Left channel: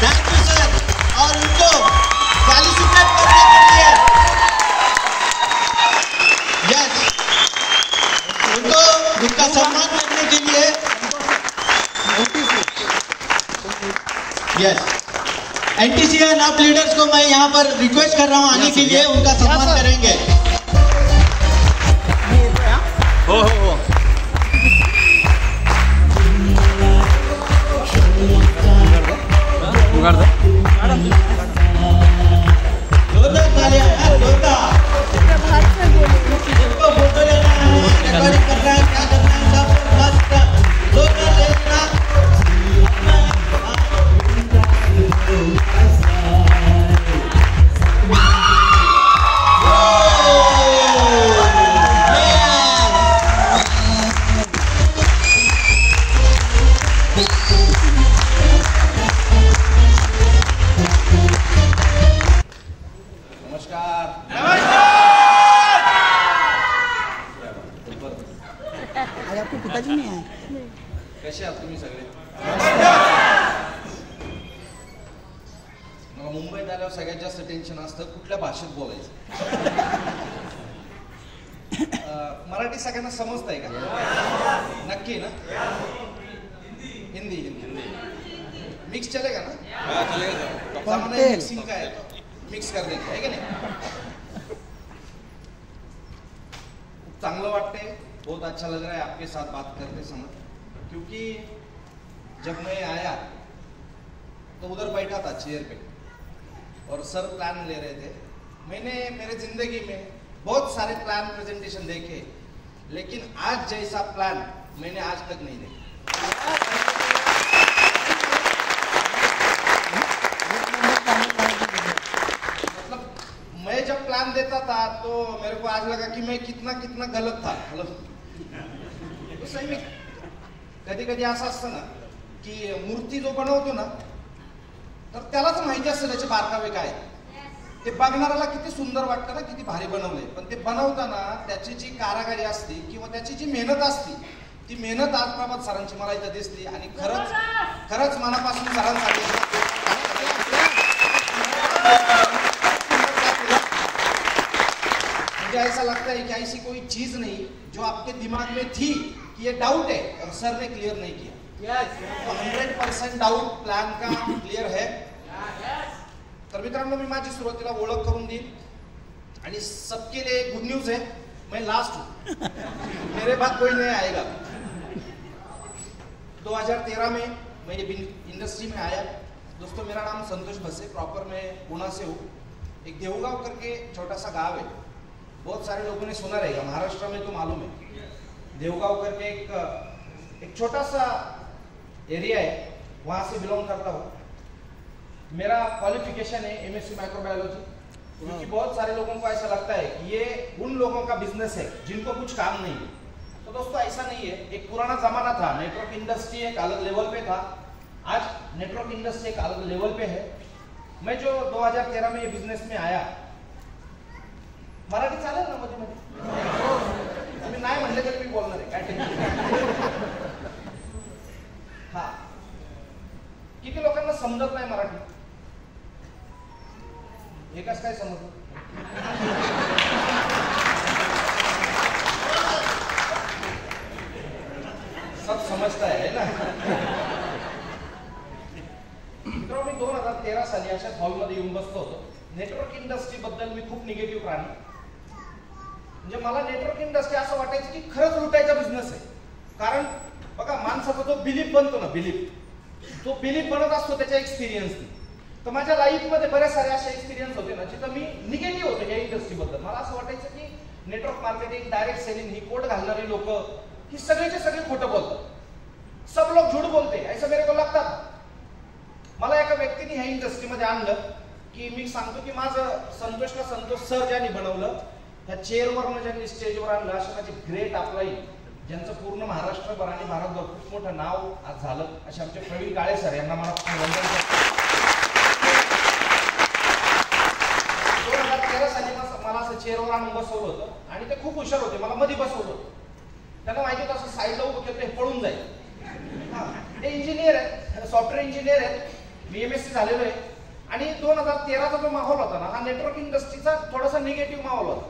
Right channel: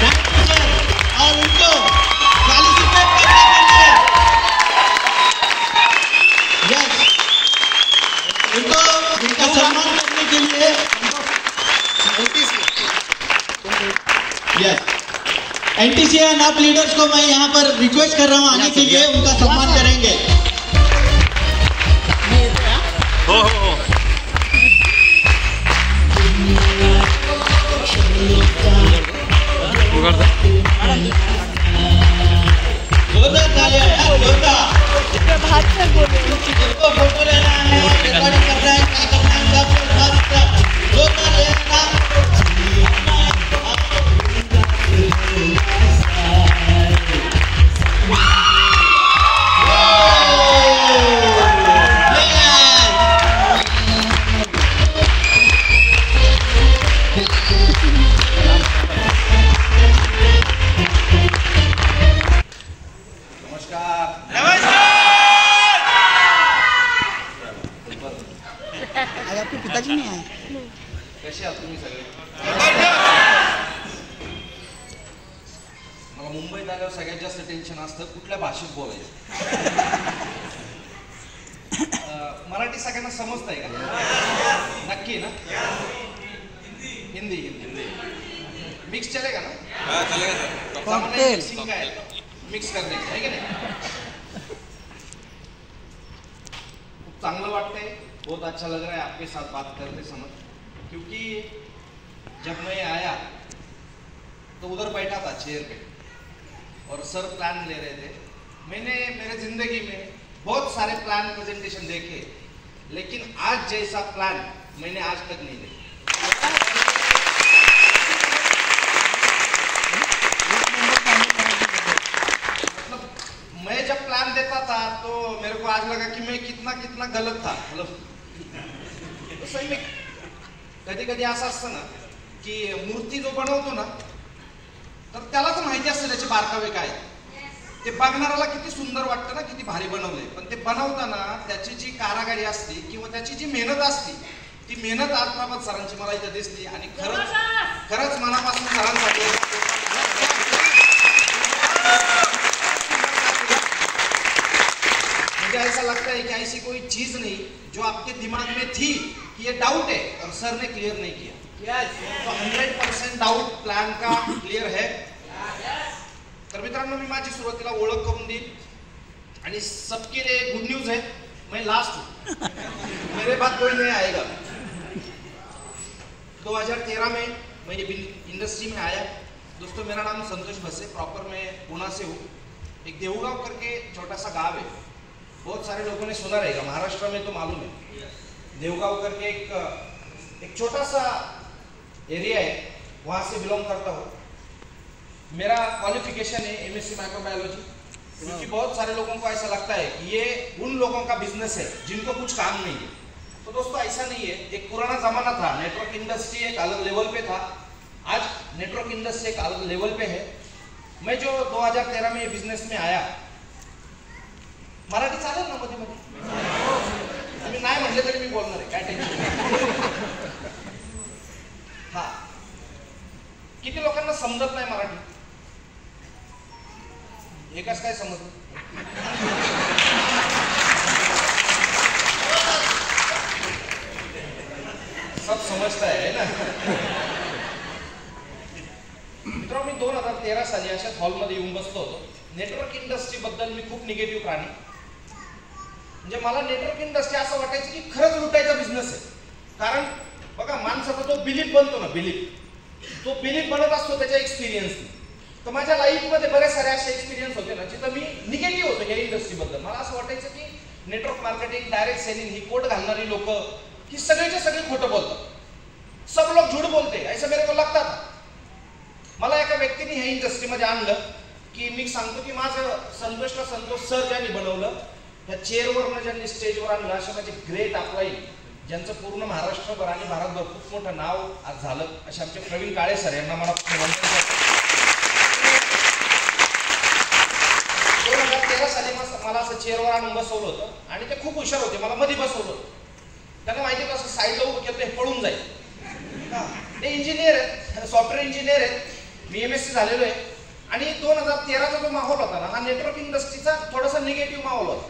Thank you sir. और उनको फैलिसिटेट करने के लिए यस, उनको उनका सम्मान करने के लिए यस एनटीसी एंड आप लीडर्स को मैं यहाँ पर रिक्वेस्ट कर रहा हूँ आने के लिए, उनका सम्मान करेंगे। जोरदार तालियां यार, जोरदार। इनको फोटो लेना है, रिकॉर्डिंग करना है, क्या करना है, सब मस्त जोरदार लेना। पिताजी नहीं आए। कसे आहात तुम्ही सगळे? मला मुंबईत आल्यावर सगळ्यात जास्त टेन्शन असतं कुठल्या भाषेत बोलायचं। मराठी सगळ्यांना समजतंय का? नक्की ना? हिंदी हिंदी मिक्स चलेगा ना? हाँ चलेगा। सामान्य मिक्सिंग का है, मिक्स करने का है क्या नहीं? खूप चांगलं वाटतंय, बहुत अच्छा लग रहा है आपके साथ बात करते समय, क्योंकि जब मैं आया तो उधर बैठा था चेयर पे और सर प्लान ले रहे थे। मैंने मेरे जिंदगी में बहुत सारे प्लान प्रेजेंटेशन देखे, लेकिन आज जैसा प्लान मैंने आज तक नहीं देखा। मतलब मैं जब प्लान देता था तो मेरे को आज लगा कि मैं कितना कितना गलत था। मतलब सही में कधी कधी असं असतं ना की मूर्ती जो बनवतो ना तर त्यालाच माहिती असतं त्याचे बारकावे काय, ते बघणाऱ्याला किती सुंदर वाटतं ना, किती भारी बनवले, पण ते बनवताना त्याची जी कारागिरी असते किंवा त्याची जी मेहनत असते ती मेहनत आज प्रभात सरांची मला इथं दिसली आणि खरंच खरंच मनापासून सरांसाठी मुझे ऐसा लगता है कि ऐसी कोई चीज नहीं जो आपके दिमाग में थी कि ये डाउट है और सर ने क्लियर नहीं किया। तो 100% डाउट प्लान का क्लियर है। तर मित्रांनो मी माझी सुरुवातीला ओळख करून देईल आणि सबके लिए गुड न्यूज है, मैं लास्ट हूँ, मेरे बाद कोई नहीं आएगा। 2013 में मैं ये इंडस्ट्री में आया। दोस्तों मेरा नाम संतोष भसे, प्रॉपर मैं पुणे से हूँ। एक देवगांव करके छोटा सा गांव है, बहुत सारे लोगों ने सुना रहेगा, महाराष्ट्र में तो मालूम है। देवगांव करके एक छोटा सा एरिया है, वहाँ से बिलोंग करता हूँ। मेरा क्वालिफिकेशन है एमएससी माइक्रोबायोलॉजी, क्योंकि बहुत सारे लोगों को ऐसा लगता है कि ये उन लोगों का बिजनेस है जिनको कुछ काम नहीं है। तो दोस्तों ऐसा नहीं है। एक पुराना जमाना था, नेटवर्क इंडस्ट्री एक अलग लेवल पे था, आज नेटवर्क इंडस्ट्री एक अलग लेवल पे है। मैं जो 2013 में ये बिजनेस में आया, मराठी चालेल ना मध्ये मध्ये? तुम्ही नाही म्हणले तरी मी बोलणार आहे, काय टेन्शन। हा, किती लोकांना समजत नाही मराठी? एकाच काय समजलं? सब समजता है ना? मित्रांनो मी 2013 साली अशाच हॉलमध्ये येऊन बसलो होतो। नेटवर्क इंडस्ट्री बद्दल मी खूप निगेटिव्ह प्राणी, म्हणजे मला नेटवर्क इंडस्ट्री असं वाटायचं की खरंच लुटायचा बिझनेस आहे। कारण बघा माणसाचा जो बिलीफ बनतो ना, तो बिलीफ बनत असतो त्याच्या एक्सपिरियन्सनी। तर माझ्या लाईफमध्ये बरेच सारे असे एक्सपिरियन्स होते ना जिथं मी निगेटिव्ह होतो या इंडस्ट्रीबद्दल। मला असं वाटायचं की नेटवर्क मार्केटिंग, डायरेक्ट सेलिंग, ही कोट घालणारी लोक ही सगळेचे सगळे खोटं बोलतात, सब लोग झूठ बोलते, ऐसा मेरे को लगता था। मला एका व्यक्तीने ह्या इंडस्ट्रीमध्ये आणलं की मी सांगतो की माझं संतोष सर ज्यांनी बनवलं, त्या चेअरवरनं ज्यांनी स्टेजवर आणलं, असे माझे ग्रेट अपलाईन ज्यांचं पूर्ण महाराष्ट्रभर आणि भारतभर खूप मोठं नाव आज झालं, असे आमचे प्रवीण काळे सर, यांना मला 2013 साली मला असं चेअरवर आणून बसवलं होतं आणि ते खूप हुशार होते, मला मध्ये बसवलं होतं। त्यांना माहिती होतं असं साईडला उभं केलं हे पळून जाईल। ते इंजिनियर आहेत, सॉफ्टवेअर इंजिनियर आहेत, मी MSc झालेलो आहे आणि 2013चा जो माहोल होता ना, हा नेटवर्क इंडस्ट्रीचा थोडासा निगेटिव्ह माहोल होता.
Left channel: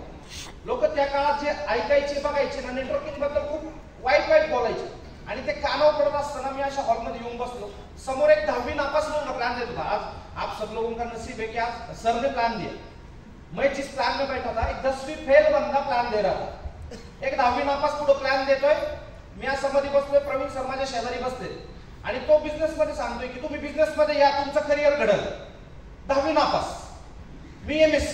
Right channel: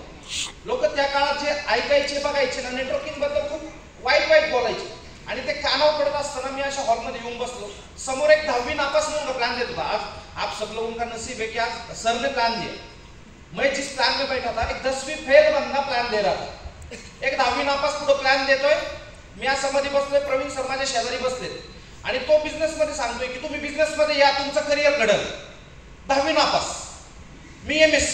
लोक त्या काळात जे ऐकायचे बघायचे ना, नेटवर्किंग बद्दल खूप वाईट बोलायचे आणि ते कानावर पडत असताना मी अशा हॉलमध्ये येऊन बसलो. समोर एक 10वी नापास म्हणून प्लान देत होता. आज आप सब लोगों का नसीब है कि आज सर ने प्लान दिया. मैं जिस प्लान में बैठा था, एक 10वीं फेल बंदा प्लान दे रहा था. एक 10वी नापास पुढे प्लान देतोय. मी यामध्ये बसलोय, प्रवीण सर माझ्या शेजारी बसले आणि तो बिझनेस मध्ये सांगतोय की तुम्ही बिझनेस मध्ये या, तुमचं करिअर घडल. 10वी नापास, मी MSc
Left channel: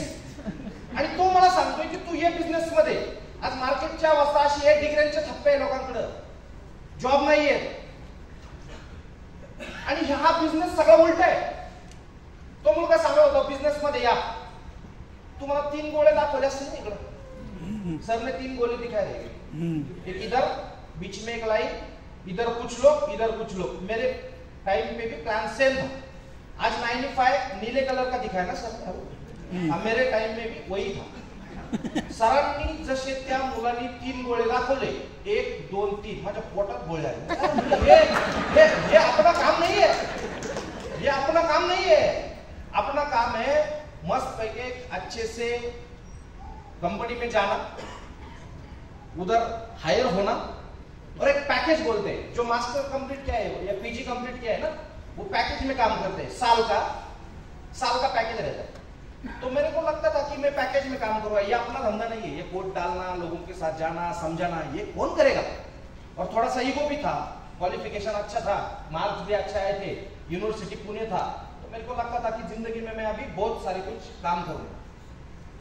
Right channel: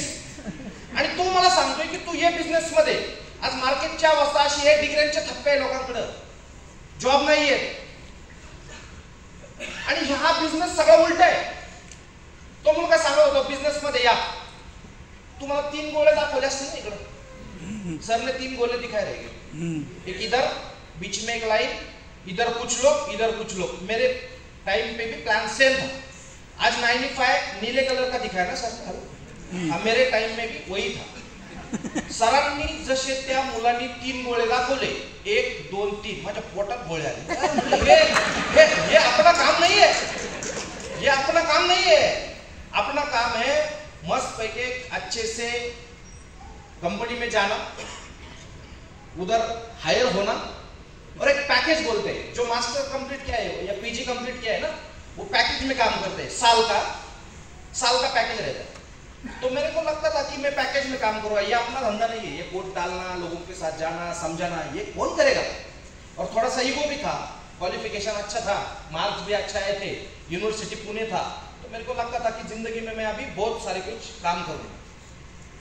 आणि तो मला सांगतोय की तू ये बिझनेस मध्ये. आज मार्केटची अवस्था अशी आहे, डिग्र्यांचे थप्पे आहे लोकांकडे, जॉब नाहीये आणि हा बिझनेस सगळा उलट आहे. तो मुलगा सांगत होता बिझनेस मध्ये या. तुम्हाला 3 गोळे दाखवले असतील ना इकडं. सर ने 3 गोले दिखाए रहेंगे, एक इधर बीच में एक लाइन, इधर कुछ लोग. मेरे टाइम पे भी प्लान सेम था. आज 95 नीले कलर का दिखाया ना सर, मेरे टाइम में भी वही था. सरांनी जसे त्या मुलांनी 3 गोळे दाखवले, 1 2 3, माझ्या पोटात गोळे आले. हे आपला काम नाहीये, ये अपना काम नहीं है. अपना काम है मस्त पैके अच्छे से कंपनी में जाना, उधर हायर होना और एक पैकेज बोलते हैं. जो मास्टर कंप्लीट किया है या PG कंप्लीट किया है ना, वो पैकेज में काम करते हैं. साल का पैकेज रहता है. तो मेरे को लगता था कि मैं पैकेज में काम करूँ. ये अपना धंधा नहीं है, ये कोड डालना, लोगों के साथ जाना, समझाना, ये कौन करेगा. और थोड़ा सा ईगो भी था. क्वालिफिकेशन अच्छा था, मार्क्स भी अच्छा आए थे, यूनिवर्सिटी पुणे था. तो मेरे को लगता था कि जिंदगी में मैं अभी बहुत सारे कुछ काम करूँ.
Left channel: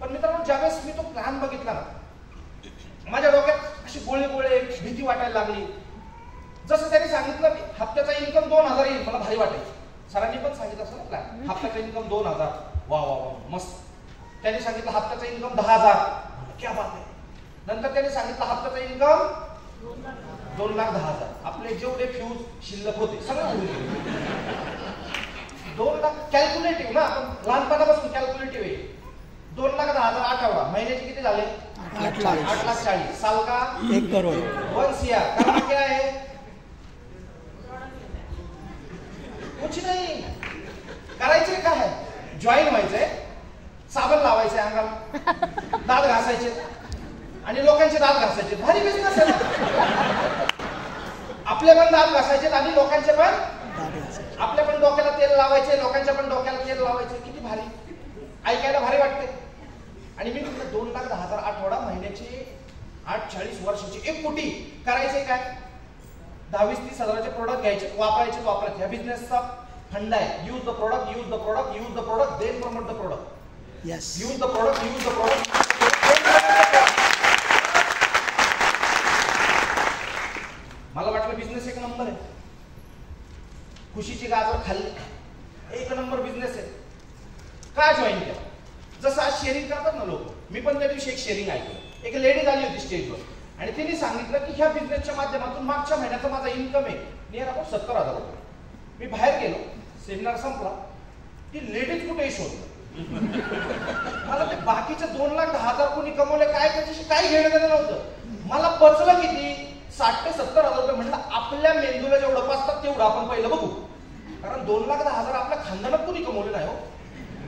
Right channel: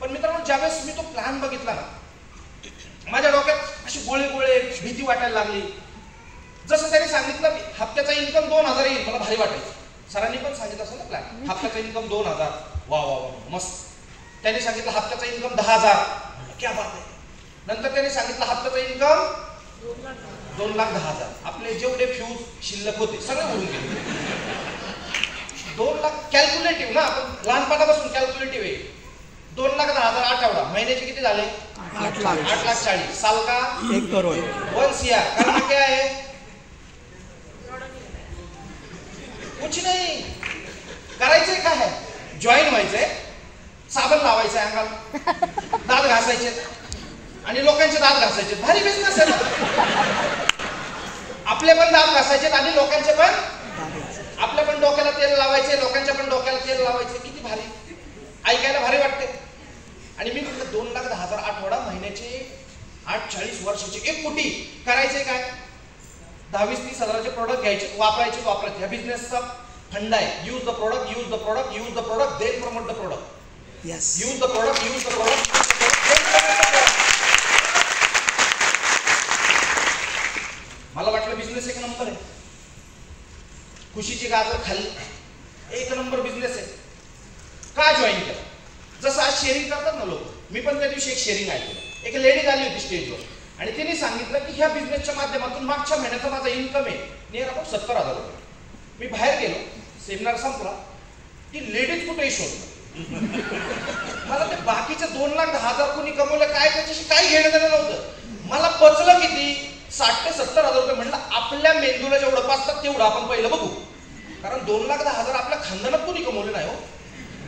पण मित्रांनो, ज्यावेळेस मी तो प्लॅन बघितला ना, माझ्या डोक्यात अशी गोळे भीती वाटायला लागली. जसं त्यांनी सांगितलं हप्त्याचा इन्कम 2000 येईल, मला भारी वाटायचं. सरांनी पण सांगितलं असं ना प्लॅन, हप्त्याचा इन्कम 2000. वा मस्त. त्यांनी सांगितलं हप्त्याचा इन्कम 10,000, क्या बात आहे. नंतर त्यांनी सांगितलं हप्त्याचा इन्कम 2,10,000. आपले जेवढे फ्यूज शिल्लक होते सगळे उडून गेले. 2 लाख कॅल्क्युलेटिव्ह ना, आपण लहानपणापासून कॅल्क्युलेटिव्ह आहे. 2,10,000 आठवडा, महिन्याचे किती झाले? 8,40,000. साल का 1 करोड़. 1 CR. करना क्या है? कुछ नहीं, करायचंय काय आहे? जॉईन व्हायचंय, साबण लावायचंय अंगाला, दात घासायचे आणि लोकांचे दात घासायचे. भारी बिझनेस आहे ना. आपले पण दात घासायचे आणि लोकांचे पण. आपल्या पण डोक्याला तेल लावायचे, लोकांच्या पण डोक्याला तेल लावायचे. किती भारी, ऐकायला भारी वाटते. आणि मी म्हटलं 2,10,000 आठवडा, महिन्याचे 8,40 वर्षाचे 1 कोटी. करायचंय काय? 10-20-30 हजाराचे प्रोडक्ट घ्यायचे, वापरायचे. या बिझनेसचा फंडा आहे. Use the product, then promote the product. Use the product. मला वाटलं बिझनेस 1 नंबर आहे. खुशीची गाजर खाल्ली, 1 नंबर बिझनेस आहे. का जॉईन केलं? जसं आज शेअरिंग करतात ना लोक, मी पण त्या दिवशी एक शेअरिंग ऐकलं. एक लेडी आली होती स्टेजवर आणि तिने सांगितलं की ह्या बिझनेसच्या माध्यमातून मागच्या महिन्याचा माझा इन्कम आहे नियर अबाउट 70,000 रुपये. मी बाहेर गेलो, सेमिनार संपला, ती लेडीज कुठेही शोधलं. मला ते बाकीचे 2,10,000 कोणी कमवले काय, त्याच्याशी काही घेणं देणं नव्हतं. मला पचलं किती? 60,000 ते 70,000 रुपये. म्हणलं आपल्या मेंदूला जेवढं पाचतात तेवढं आपण पहिलं बघू, कारण 2,10,000 आपल्या खानदानात कोणी कमवले नाही हो.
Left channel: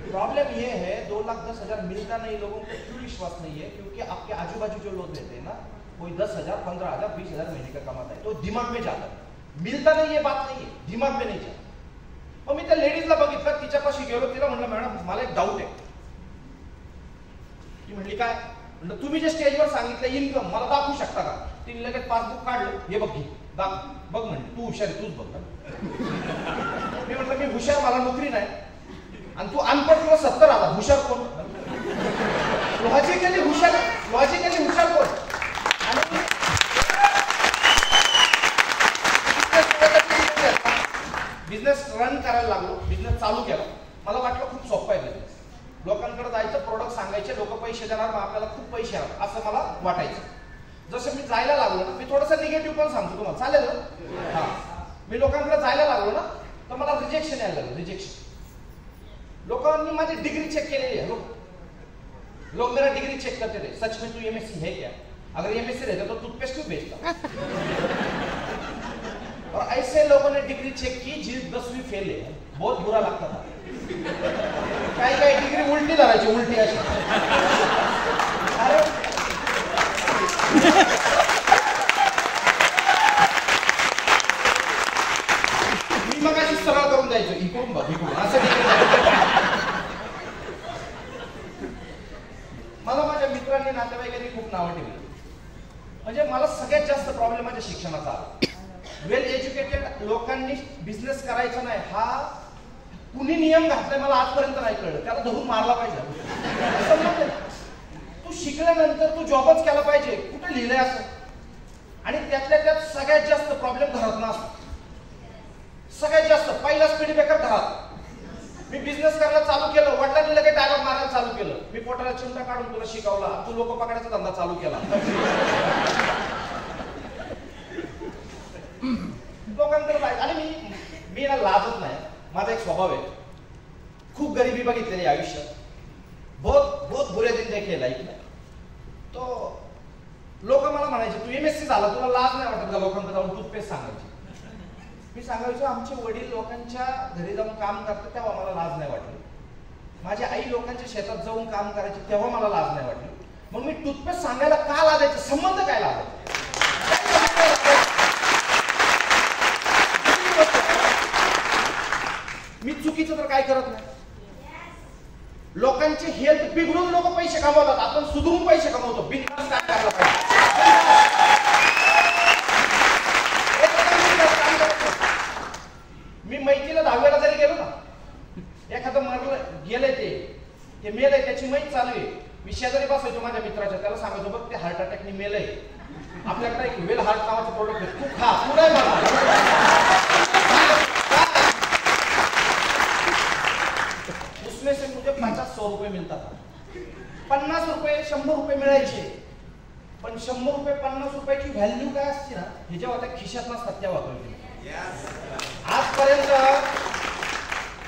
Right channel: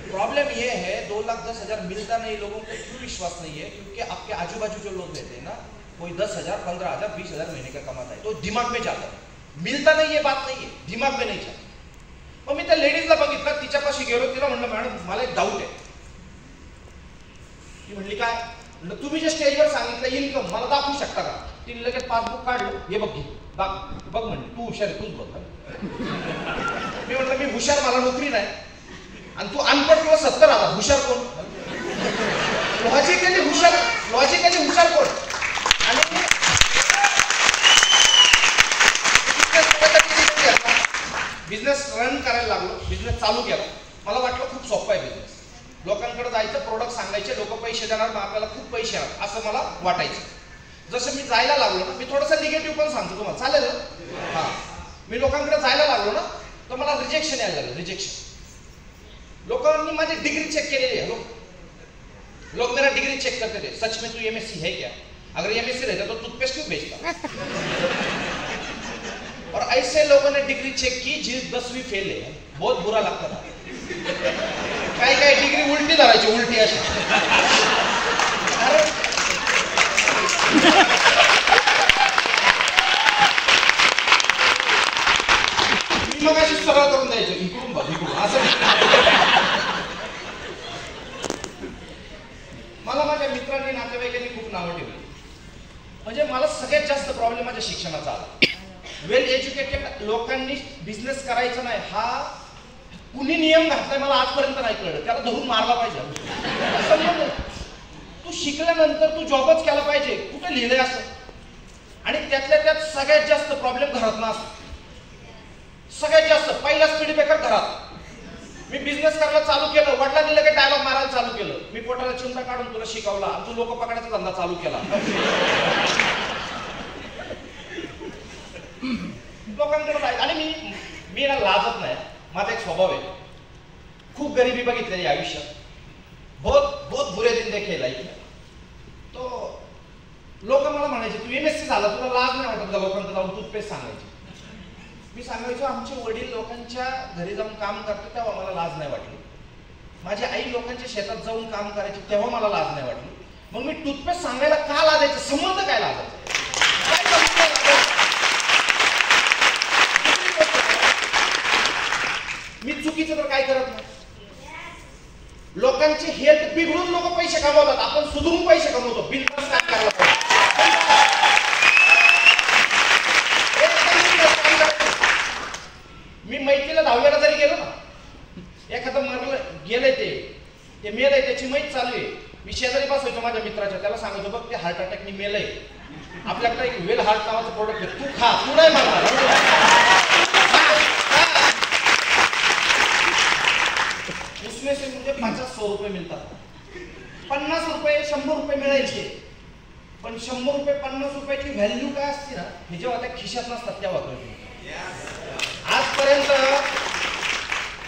प्रॉब्लम ये है 2,10,000 मिलता नहीं लोगों को. क्यों विश्वास नहीं है? क्योंकि आपके आजू बाजू जो लोग रहते हैं ना, कोई 10,000, 15,000, 20,000 महीने का कमाता है, तो दिमाग में जाता है. मिलता नहीं है बात नहीं है, दिमाग में नहीं जाता. मग मी त्या लेडीजला बघितलं, तिच्यापाशी गेलो, तिला म्हणलं मॅडम मला एक डाऊट आहे. ती म्हणली काय? म्हणलं तुम्ही जे स्टेजवर सांगितलं इन्कम मला दाखवू शकता का? तिने लगेच पासबुक काढलं, हे बघ घे, बघ म्हणली तू हुशार आहे, तूच बघ. मी म्हटलं मी हुशार, मला नोकरी नाही, आणि तू अनपढ किंवा 70,000, हुशार कोण? लॉजिकली हुशार कोण? आणि बिझनेस रन करायला लागलो, बिझनेस चालू केला. मला वाटलं खूप सोपं आहे बिझनेस. लोकांकडे जायचं, प्रोडक्ट सांगायचे, लोक पैसे देणार, मग आपल्याला खूप पैसे येणार असं मला वाटायचं. जसं मी जायला लागलो ना, मी थोडंसं निगेटिव्ह पण सांगतो तुम्हाला, चालेल ना? हा, मी लोकांकडे जायला लागलो ना, तर मला रिजेक्शन यायला लागलं. रिजेक्शन. लोकांनी माझी डिग्री चेक केलेली आहे. लोग मेरा डिग्री चेक करते थे, सच में तू MSc है क्या? अगर MSc रहता तो टूथपेस्ट क्यों बेचता? और ऐसे लोगों ने डिग्री चेक की जी 10वीं फेल है. बहुत बुरा लगता था. काही डिग्री उलटी धरायची, उलटी अशी. अरे मी मग अशी सरळ करून द्यायचो, इकडून बघ इकडून असं. मला माझ्या मित्रांनी नातेवाईकांनी खूप नावं ठेवली. म्हणजे मला सगळ्यात जास्त प्रॉब्लेम माझ्या शिक्षणाचा आला. वेल एज्युकेटेड लोकांनी बिझनेस करायचा नाही हा कुणी नियम घातलाय मला आजपर्यंत नाही कळलं. त्याला धरून मारला पाहिजे. तू शिकल्यानंतर तू जॉबच केला पाहिजे, कुठे लिहिलंय असं. आणि त्यातल्या त्यात सगळ्यात जास्त प्रॉब्लेम घरात नसतो. सगळ्यात जास्त पहिला स्पीड ब्रेकर घरात. मी बिझनेस करायला चालू केलं, वडिलांनी लगेच डायलॉग मारायला चालू केलं. मी पोटाला चिंता काढून तुला शिकवला, तू लोक पकडायचा धंदा चालू केला. लोकांकडे पाहिजे. आणि मी ना लाजत नाही. माझा एक स्वभाव आहे. खूप गरिबी बघितलेली आयुष्यात. बहुत बहुत बुरे दिन देखे लाईफ में. तो लोक मला म्हणायचे तू MSc झाला, तुला लाज नाही वाटत का लोकांकडे जाऊन टूथपेस्ट सांगायची. मी सांगायचो आमचे वडील लोकांच्या घरी जाऊन काम करते तेव्हा मला लाज नाही वाटली. माझी आई लोकांच्या शेतात जाऊन काम करायची तेव्हा मला लाज नाही वाटली. मग मी टूथपेस्ट सांगायला का लाजायचं? संबंध काय लागायचा? मी चुकीचं तर काय करत नाही. लोकांची हेल्थ बिघडून लोक पैसे कमवतात, आपण सुधरून पैसे कमवतो. बिझनेस काय करायला पाहिजे. मी मैत्रीला 10वीला जरी गेलो ना, एखादं मरलं गेलंय ते मेलंय, त्याची मैत चालू आहे. मी शेजारी बसवायचो माझ्या मित्राच्या, त्याला सांगायचो बघ ते हार्ट अटॅकनी मेलंय. आपल्याकडे एक वेल हार्ट नावाचं प्रोडक्ट आहे, तू खा, तू नाही मला. उसमें से मुझे 50-100 रुपये मिळतात. 50 रुपये 100 रुपये मिळायचे, पण 100 रुपये 50 रुपयाची व्हॅल्यू काय असते ना हे जेव्हा त्या खिशात नसतात तेव्हा कळते. आजपर्यंत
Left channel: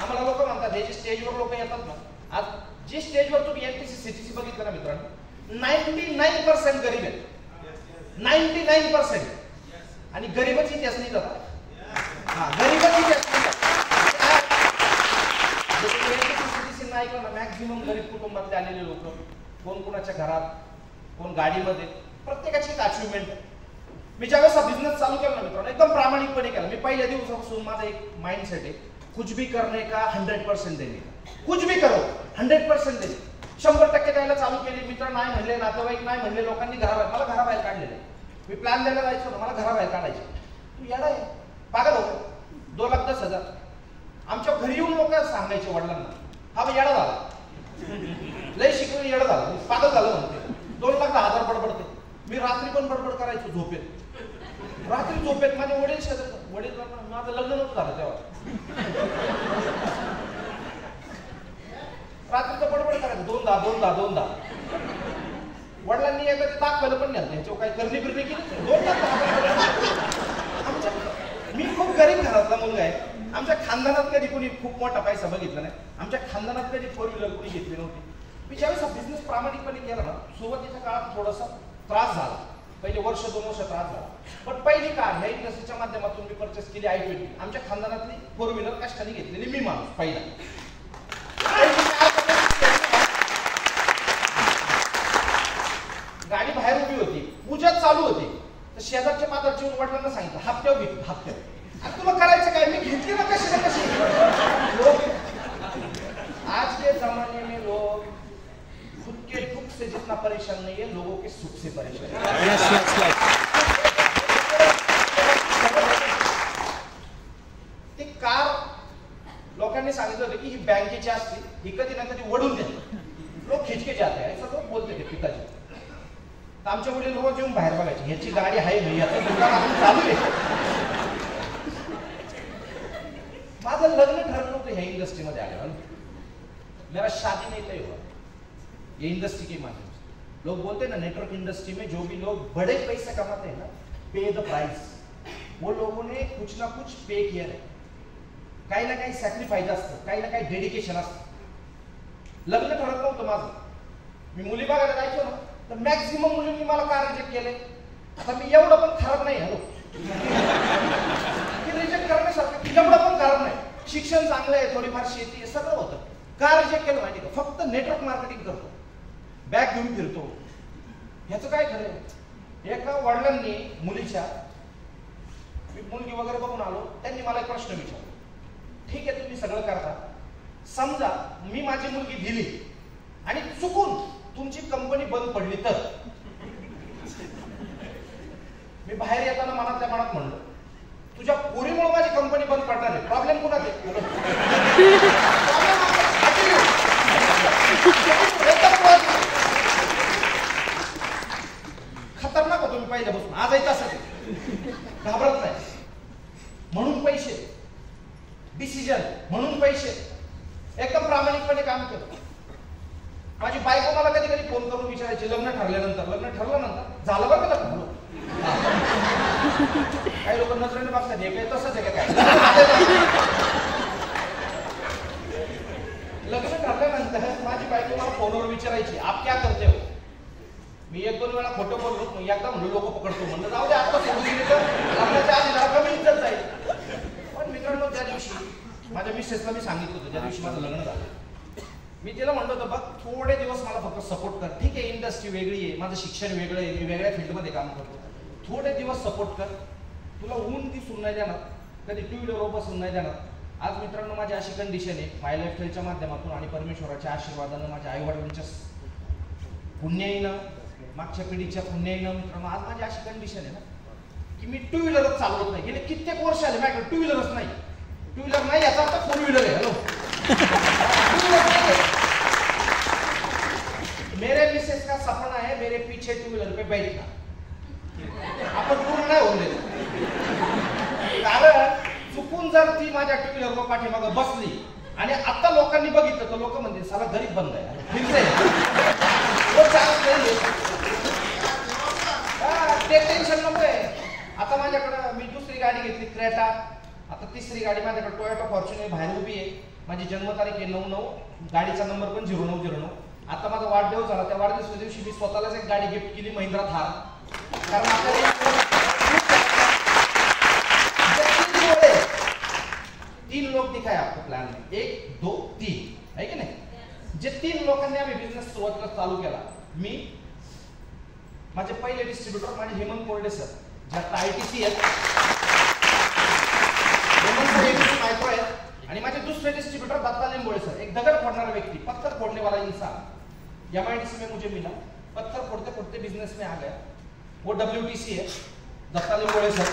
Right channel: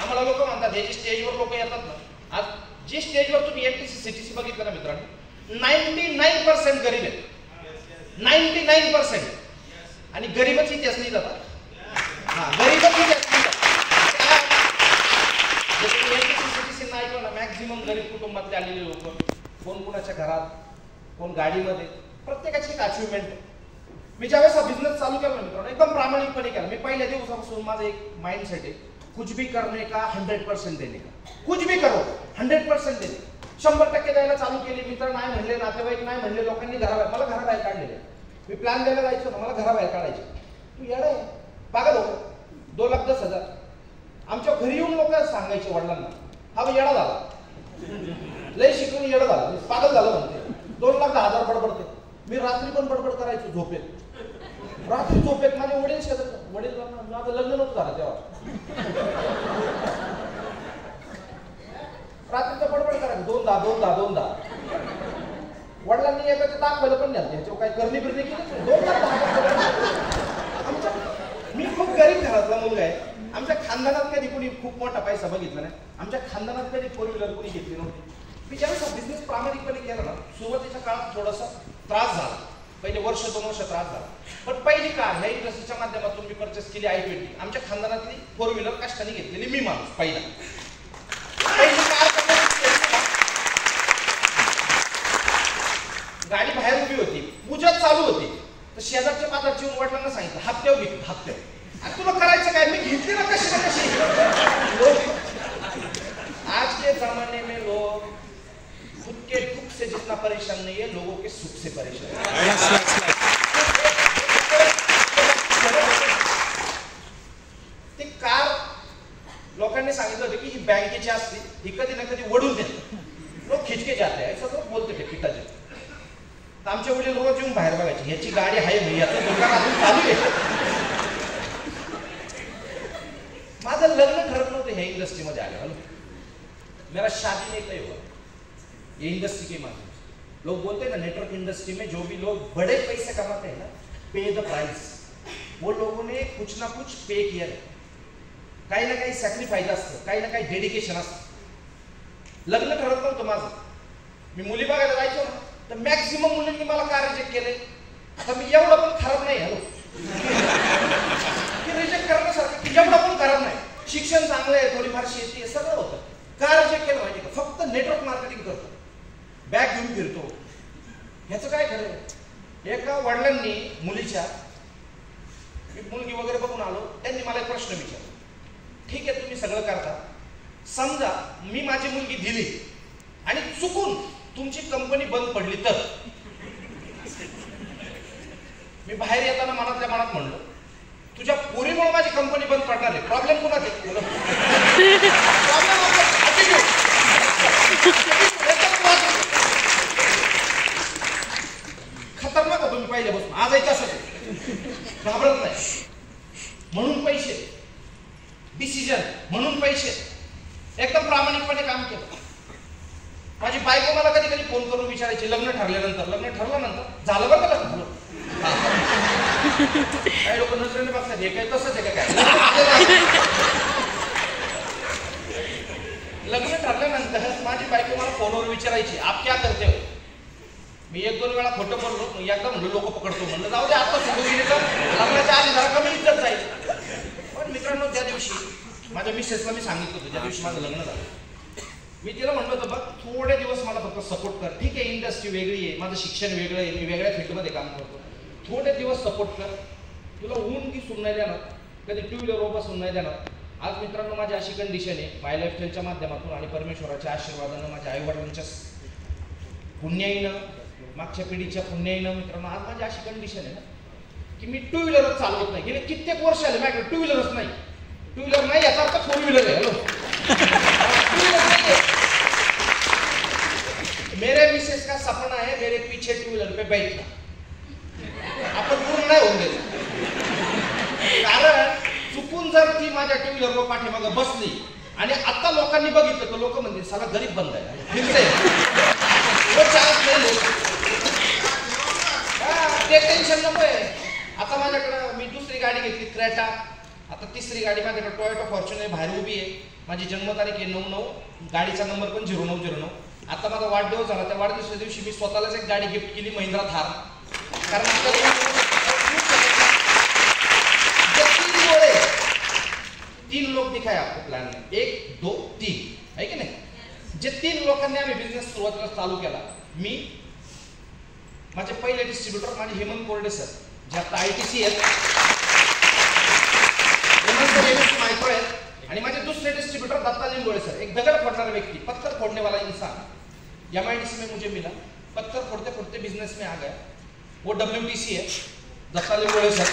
आम्हाला लोक म्हणतात, हे जे स्टेजवर लोक येतात ना, आज जे स्टेजवर तुम्ही MPSC CTC बघितलं ना मित्रांनो, 99% गरीब आहेत. 99%. आणि गरीबच इतिहास नाही जातात. हा, गरीबच इतिहास नाही जातात. ऐकलं ना, मॅक्झिमम गरीब कुटुंबातले आलेले लोक, कोण कुणाच्या घरात, कोण गाडीमध्ये, प्रत्येकाची एक अचिव्हमेंट आहे. मी ज्यावेळेस हा बिझनेस चालू केला ना मित्रांनो, एकदम प्रामाणिकपणे केला. मी पहिल्या दिवसापासून माझा एक माइंडसेट आहे, कुछ भी करने का 100% देणे का. कुछ भी करो 100% देणे. 100% द्यायला चालू केली. मित्र नाही म्हणले, नातेवाईक नाही म्हणले, लोकांनी मला घराबाहेर काढलेलं. मी प्लॅन द्यायला जायचो ना, मला घराबाहेर काढायचे. तू येडा आहे, पागल हो, 2,10,000. आमच्या घरी येऊन लोक सांगायचे वडिलांना, हा बा येडा झाला, लय शिकून येडा झाला, पागल झालं म्हणते. 2,10,000 बडबडते. मी रात्री पण बडबड करायचो झोपेत. रात्री झोपेत माझे वडील शेजारी, वडिलांना माझं लग्न नव्हतं झालं तेव्हा. रात्रीचं बडबड करायचं, 2,10,000. वडिलांनी एकाचे दाखवायला पण नाही, ह्याच्यावर काय करणी बिरणी केली. 2,10,000. आमच्या मी खूप गरीब घरातला मुलगा आहे. आमच्या खानदानात कधी कोणी खूप मोठा पैसा बघितला नाही. आमच्या खानदानात कधी 4 व्हीलर कोणी घेतली नव्हती. मी ज्यावेळेस हा बिझनेस प्रामाणिकपणे केला ना, सुरुवातीच्या काळात थोडासा त्रास झाला. पहिले 1-2 वर्ष त्रास झाला. पण पहिली कार ह्या इंडस्ट्रीच्या माध्यमातून मी परचेस केली i20. आमच्या खानदानातली 4 व्हीलर कष्टाने घेतलेली मी माणूस पहिला. गाडी बाहेर उभी होती, पूजा चालू होती, तर शेजारच्या पात्राची येऊन वडिलांना सांगितलं हप्त्यावर घेतली. हप्त्यावर तुला करायचं काय, मी घेतली ना कशी ना कशी. आज के जमाने में लोग खुद के दुख से जितना परेशान नहीं है, लोगों के सुख से परेशान है. ती कार लोकांनी सांगितलं होतं की ही बँकेची असली, ही कधी ना कधी वडून देते. लोक खिचके जाते आहे सगळं बोलते ते पिताजी. आमच्या वडील रोज येऊन बाहेर बघायचे, ह्याची गाडी आहे मी, याचं दुकान आपण चालू आहे. माझं लग्न ठरत नव्हतं ह्या इंडस्ट्रीमध्ये आलं. मेरा शादी नहीं तय हुआ, ये इंडस्ट्री की माध्यम से. लोग बोलते हैं ना, नेटवर्क इंडस्ट्री में जो भी लोग बड़े पैसे कमाते हैं ना, पे द प्राइस. वो लोगों ने कुछ ना कुछ पे किया है. काही ना काही सॅक्रिफाईस असतं, काही ना काही डेडिकेशन असतं. लग्न ठरत नव्हतं माझं. मी मुली बघायला जायचो ना, तर मॅक्झिमम मुलींनी मला काय रिजेक्ट केलंय. आता मी एवढं पण खराब नाही. हॅलो, की रिजेक्ट करण्यासारखं एवढं पण खराब नाही. शिक्षण चांगलं आहे, थोडीफार शेती आहे, सगळं होतं. का रिजेक्ट केलं माहिती का? फक्त नेटवर्क मार्केटिंग करतो, बॅग घेऊन फिरतो. ह्याचं काय खरं आहे? एका वडिलांनी मुलीच्या, एक मुलगी वगैरे बघून आलो, त्यांनी मला एक प्रश्न विचारला. ठीक आहे, तुम्ही सगळं करता, समजा मी माझी मुलगी दिली आणि चुकून तुमची कंपनी बंद पडली तर? मी बाहेर येताना मनातल्या मनात म्हणलो, तुझ्या पोरीमुळे माझी कंपनी बंद पडणार आहे. प्रॉब्लेम कुणाच आहे? खतरनाक होतो मी पहिल्यापासून, आजही तसंच घाबरत नाही. म्हणून पैसे, डिसिजन म्हणून पैसे, एकदम प्रामाणिकपणे काम केलं. माझी बायको मला कधी कधी फोन करून विचारायची लग्न ठरल्यानंतर, लग्न ठरल्यानंतर झालं बघ लग्न झालं. काही लोक नजरेने बघतात, हे काही तसंच आहे का काय? लग्न ठरल्यानंतर माझी बायको मला फोनवर विचारायची आप क्या करते हो? मी 1-2 वेळा खोटं बोललो, एकदा म्हणलं लोक पकडतो, म्हणलं जाऊ दे आता सोडून गेली तर लग्नाच्या आधी जरा कमी इज्जत जाईल. पण मित्रांनो, त्या दिवशी माझ्या मिसेसला मी सांगितलं होतं, ज्या दिवशी माझं लग्न झालं, मी तिला म्हणलं होतं बघ थोडे दिवस मला फक्त सपोर्ट कर. ठीक आहे, इंडस्ट्री वेगळी आहे, माझं शिक्षण वेगळं आहे, मी वेगळ्या फील्डमध्ये काम करतो, थोडे दिवस सपोर्ट कर. तुला ऊन की सून नाही देणार, कधी टू व्हीलरवर बसून नाही देणार. आज मित्रांनो, माझी अशी कंडिशन आहे, माय लाईफस्टाईलच्या माध्यमातून आणि परमेश्वराच्या आशीर्वादानं, माझ्या आईवडिलांच्या पुण्याईनं, मागच्या पिढीच्या पुण्याईनं मित्रांनो, आज माझी अशी कंडिशन आहे ना की मी टू व्हीलरच चालवत नाही. गेले कित्येक वर्ष आले माझ्याकडे टू व्हीलरच नाही. टू व्हीलर नाही याचा अर्थ 4 व्हीलर आहे. हॅलो, मेरे मिसेस का सपना है मेरे पीछे टू व्हीलर पे बैठना. आपण पूर्ण नाही होऊन देत, कारण चुकून जर ती माझ्या टू व्हीलरवर पाठीमागं बसली आणि आता लोकांनी बघितलं तर लोक म्हणतील साला गरीब बंद आहे, फिरते ते टेन्शन नकोय. आता माझ्याकडं मी दुसरी गाडी घेतली क्रेटा, आता तिसरी गाडी माझ्याकडे टोयोटा फॉर्च्युनर बाहेर उभी आहे. माझी जन्मतारीख आहे 9/9, गाडीचा नंबर पण 0909. आता माझा वाढदिवस झाला, त्या वाढदिवसाच्या दिवशी मी स्वतःलाच एक गाडी गिफ्ट केली, महिंद्रा थार. कारण आपल्याला 3 लोक दिखाए आपको प्लॅन में, 1 2 3 आहे की नाही. जे 3 लोकांनी आम्ही बिझनेस सुरुवातीला चालू केला, मी, माझे पहिले डिस्ट्रीब्युटर माझे हेमंत कोरडे सर, जे आता ITC आहेत, हेमंत सर मायक्रो आहेत, आणि माझे दुसरे डिस्ट्रीब्युटर दत्ता लिंबोळे सर, एक दगड फोडणारा व्यक्ती, पत्थर फोड़ने वाला इंसान. MIDC में मुझे मिला, पत्थर फोड़ते फोड़ते बिजनेस में आ गया. वो WTC है, दत्ता लिंबोळे सर.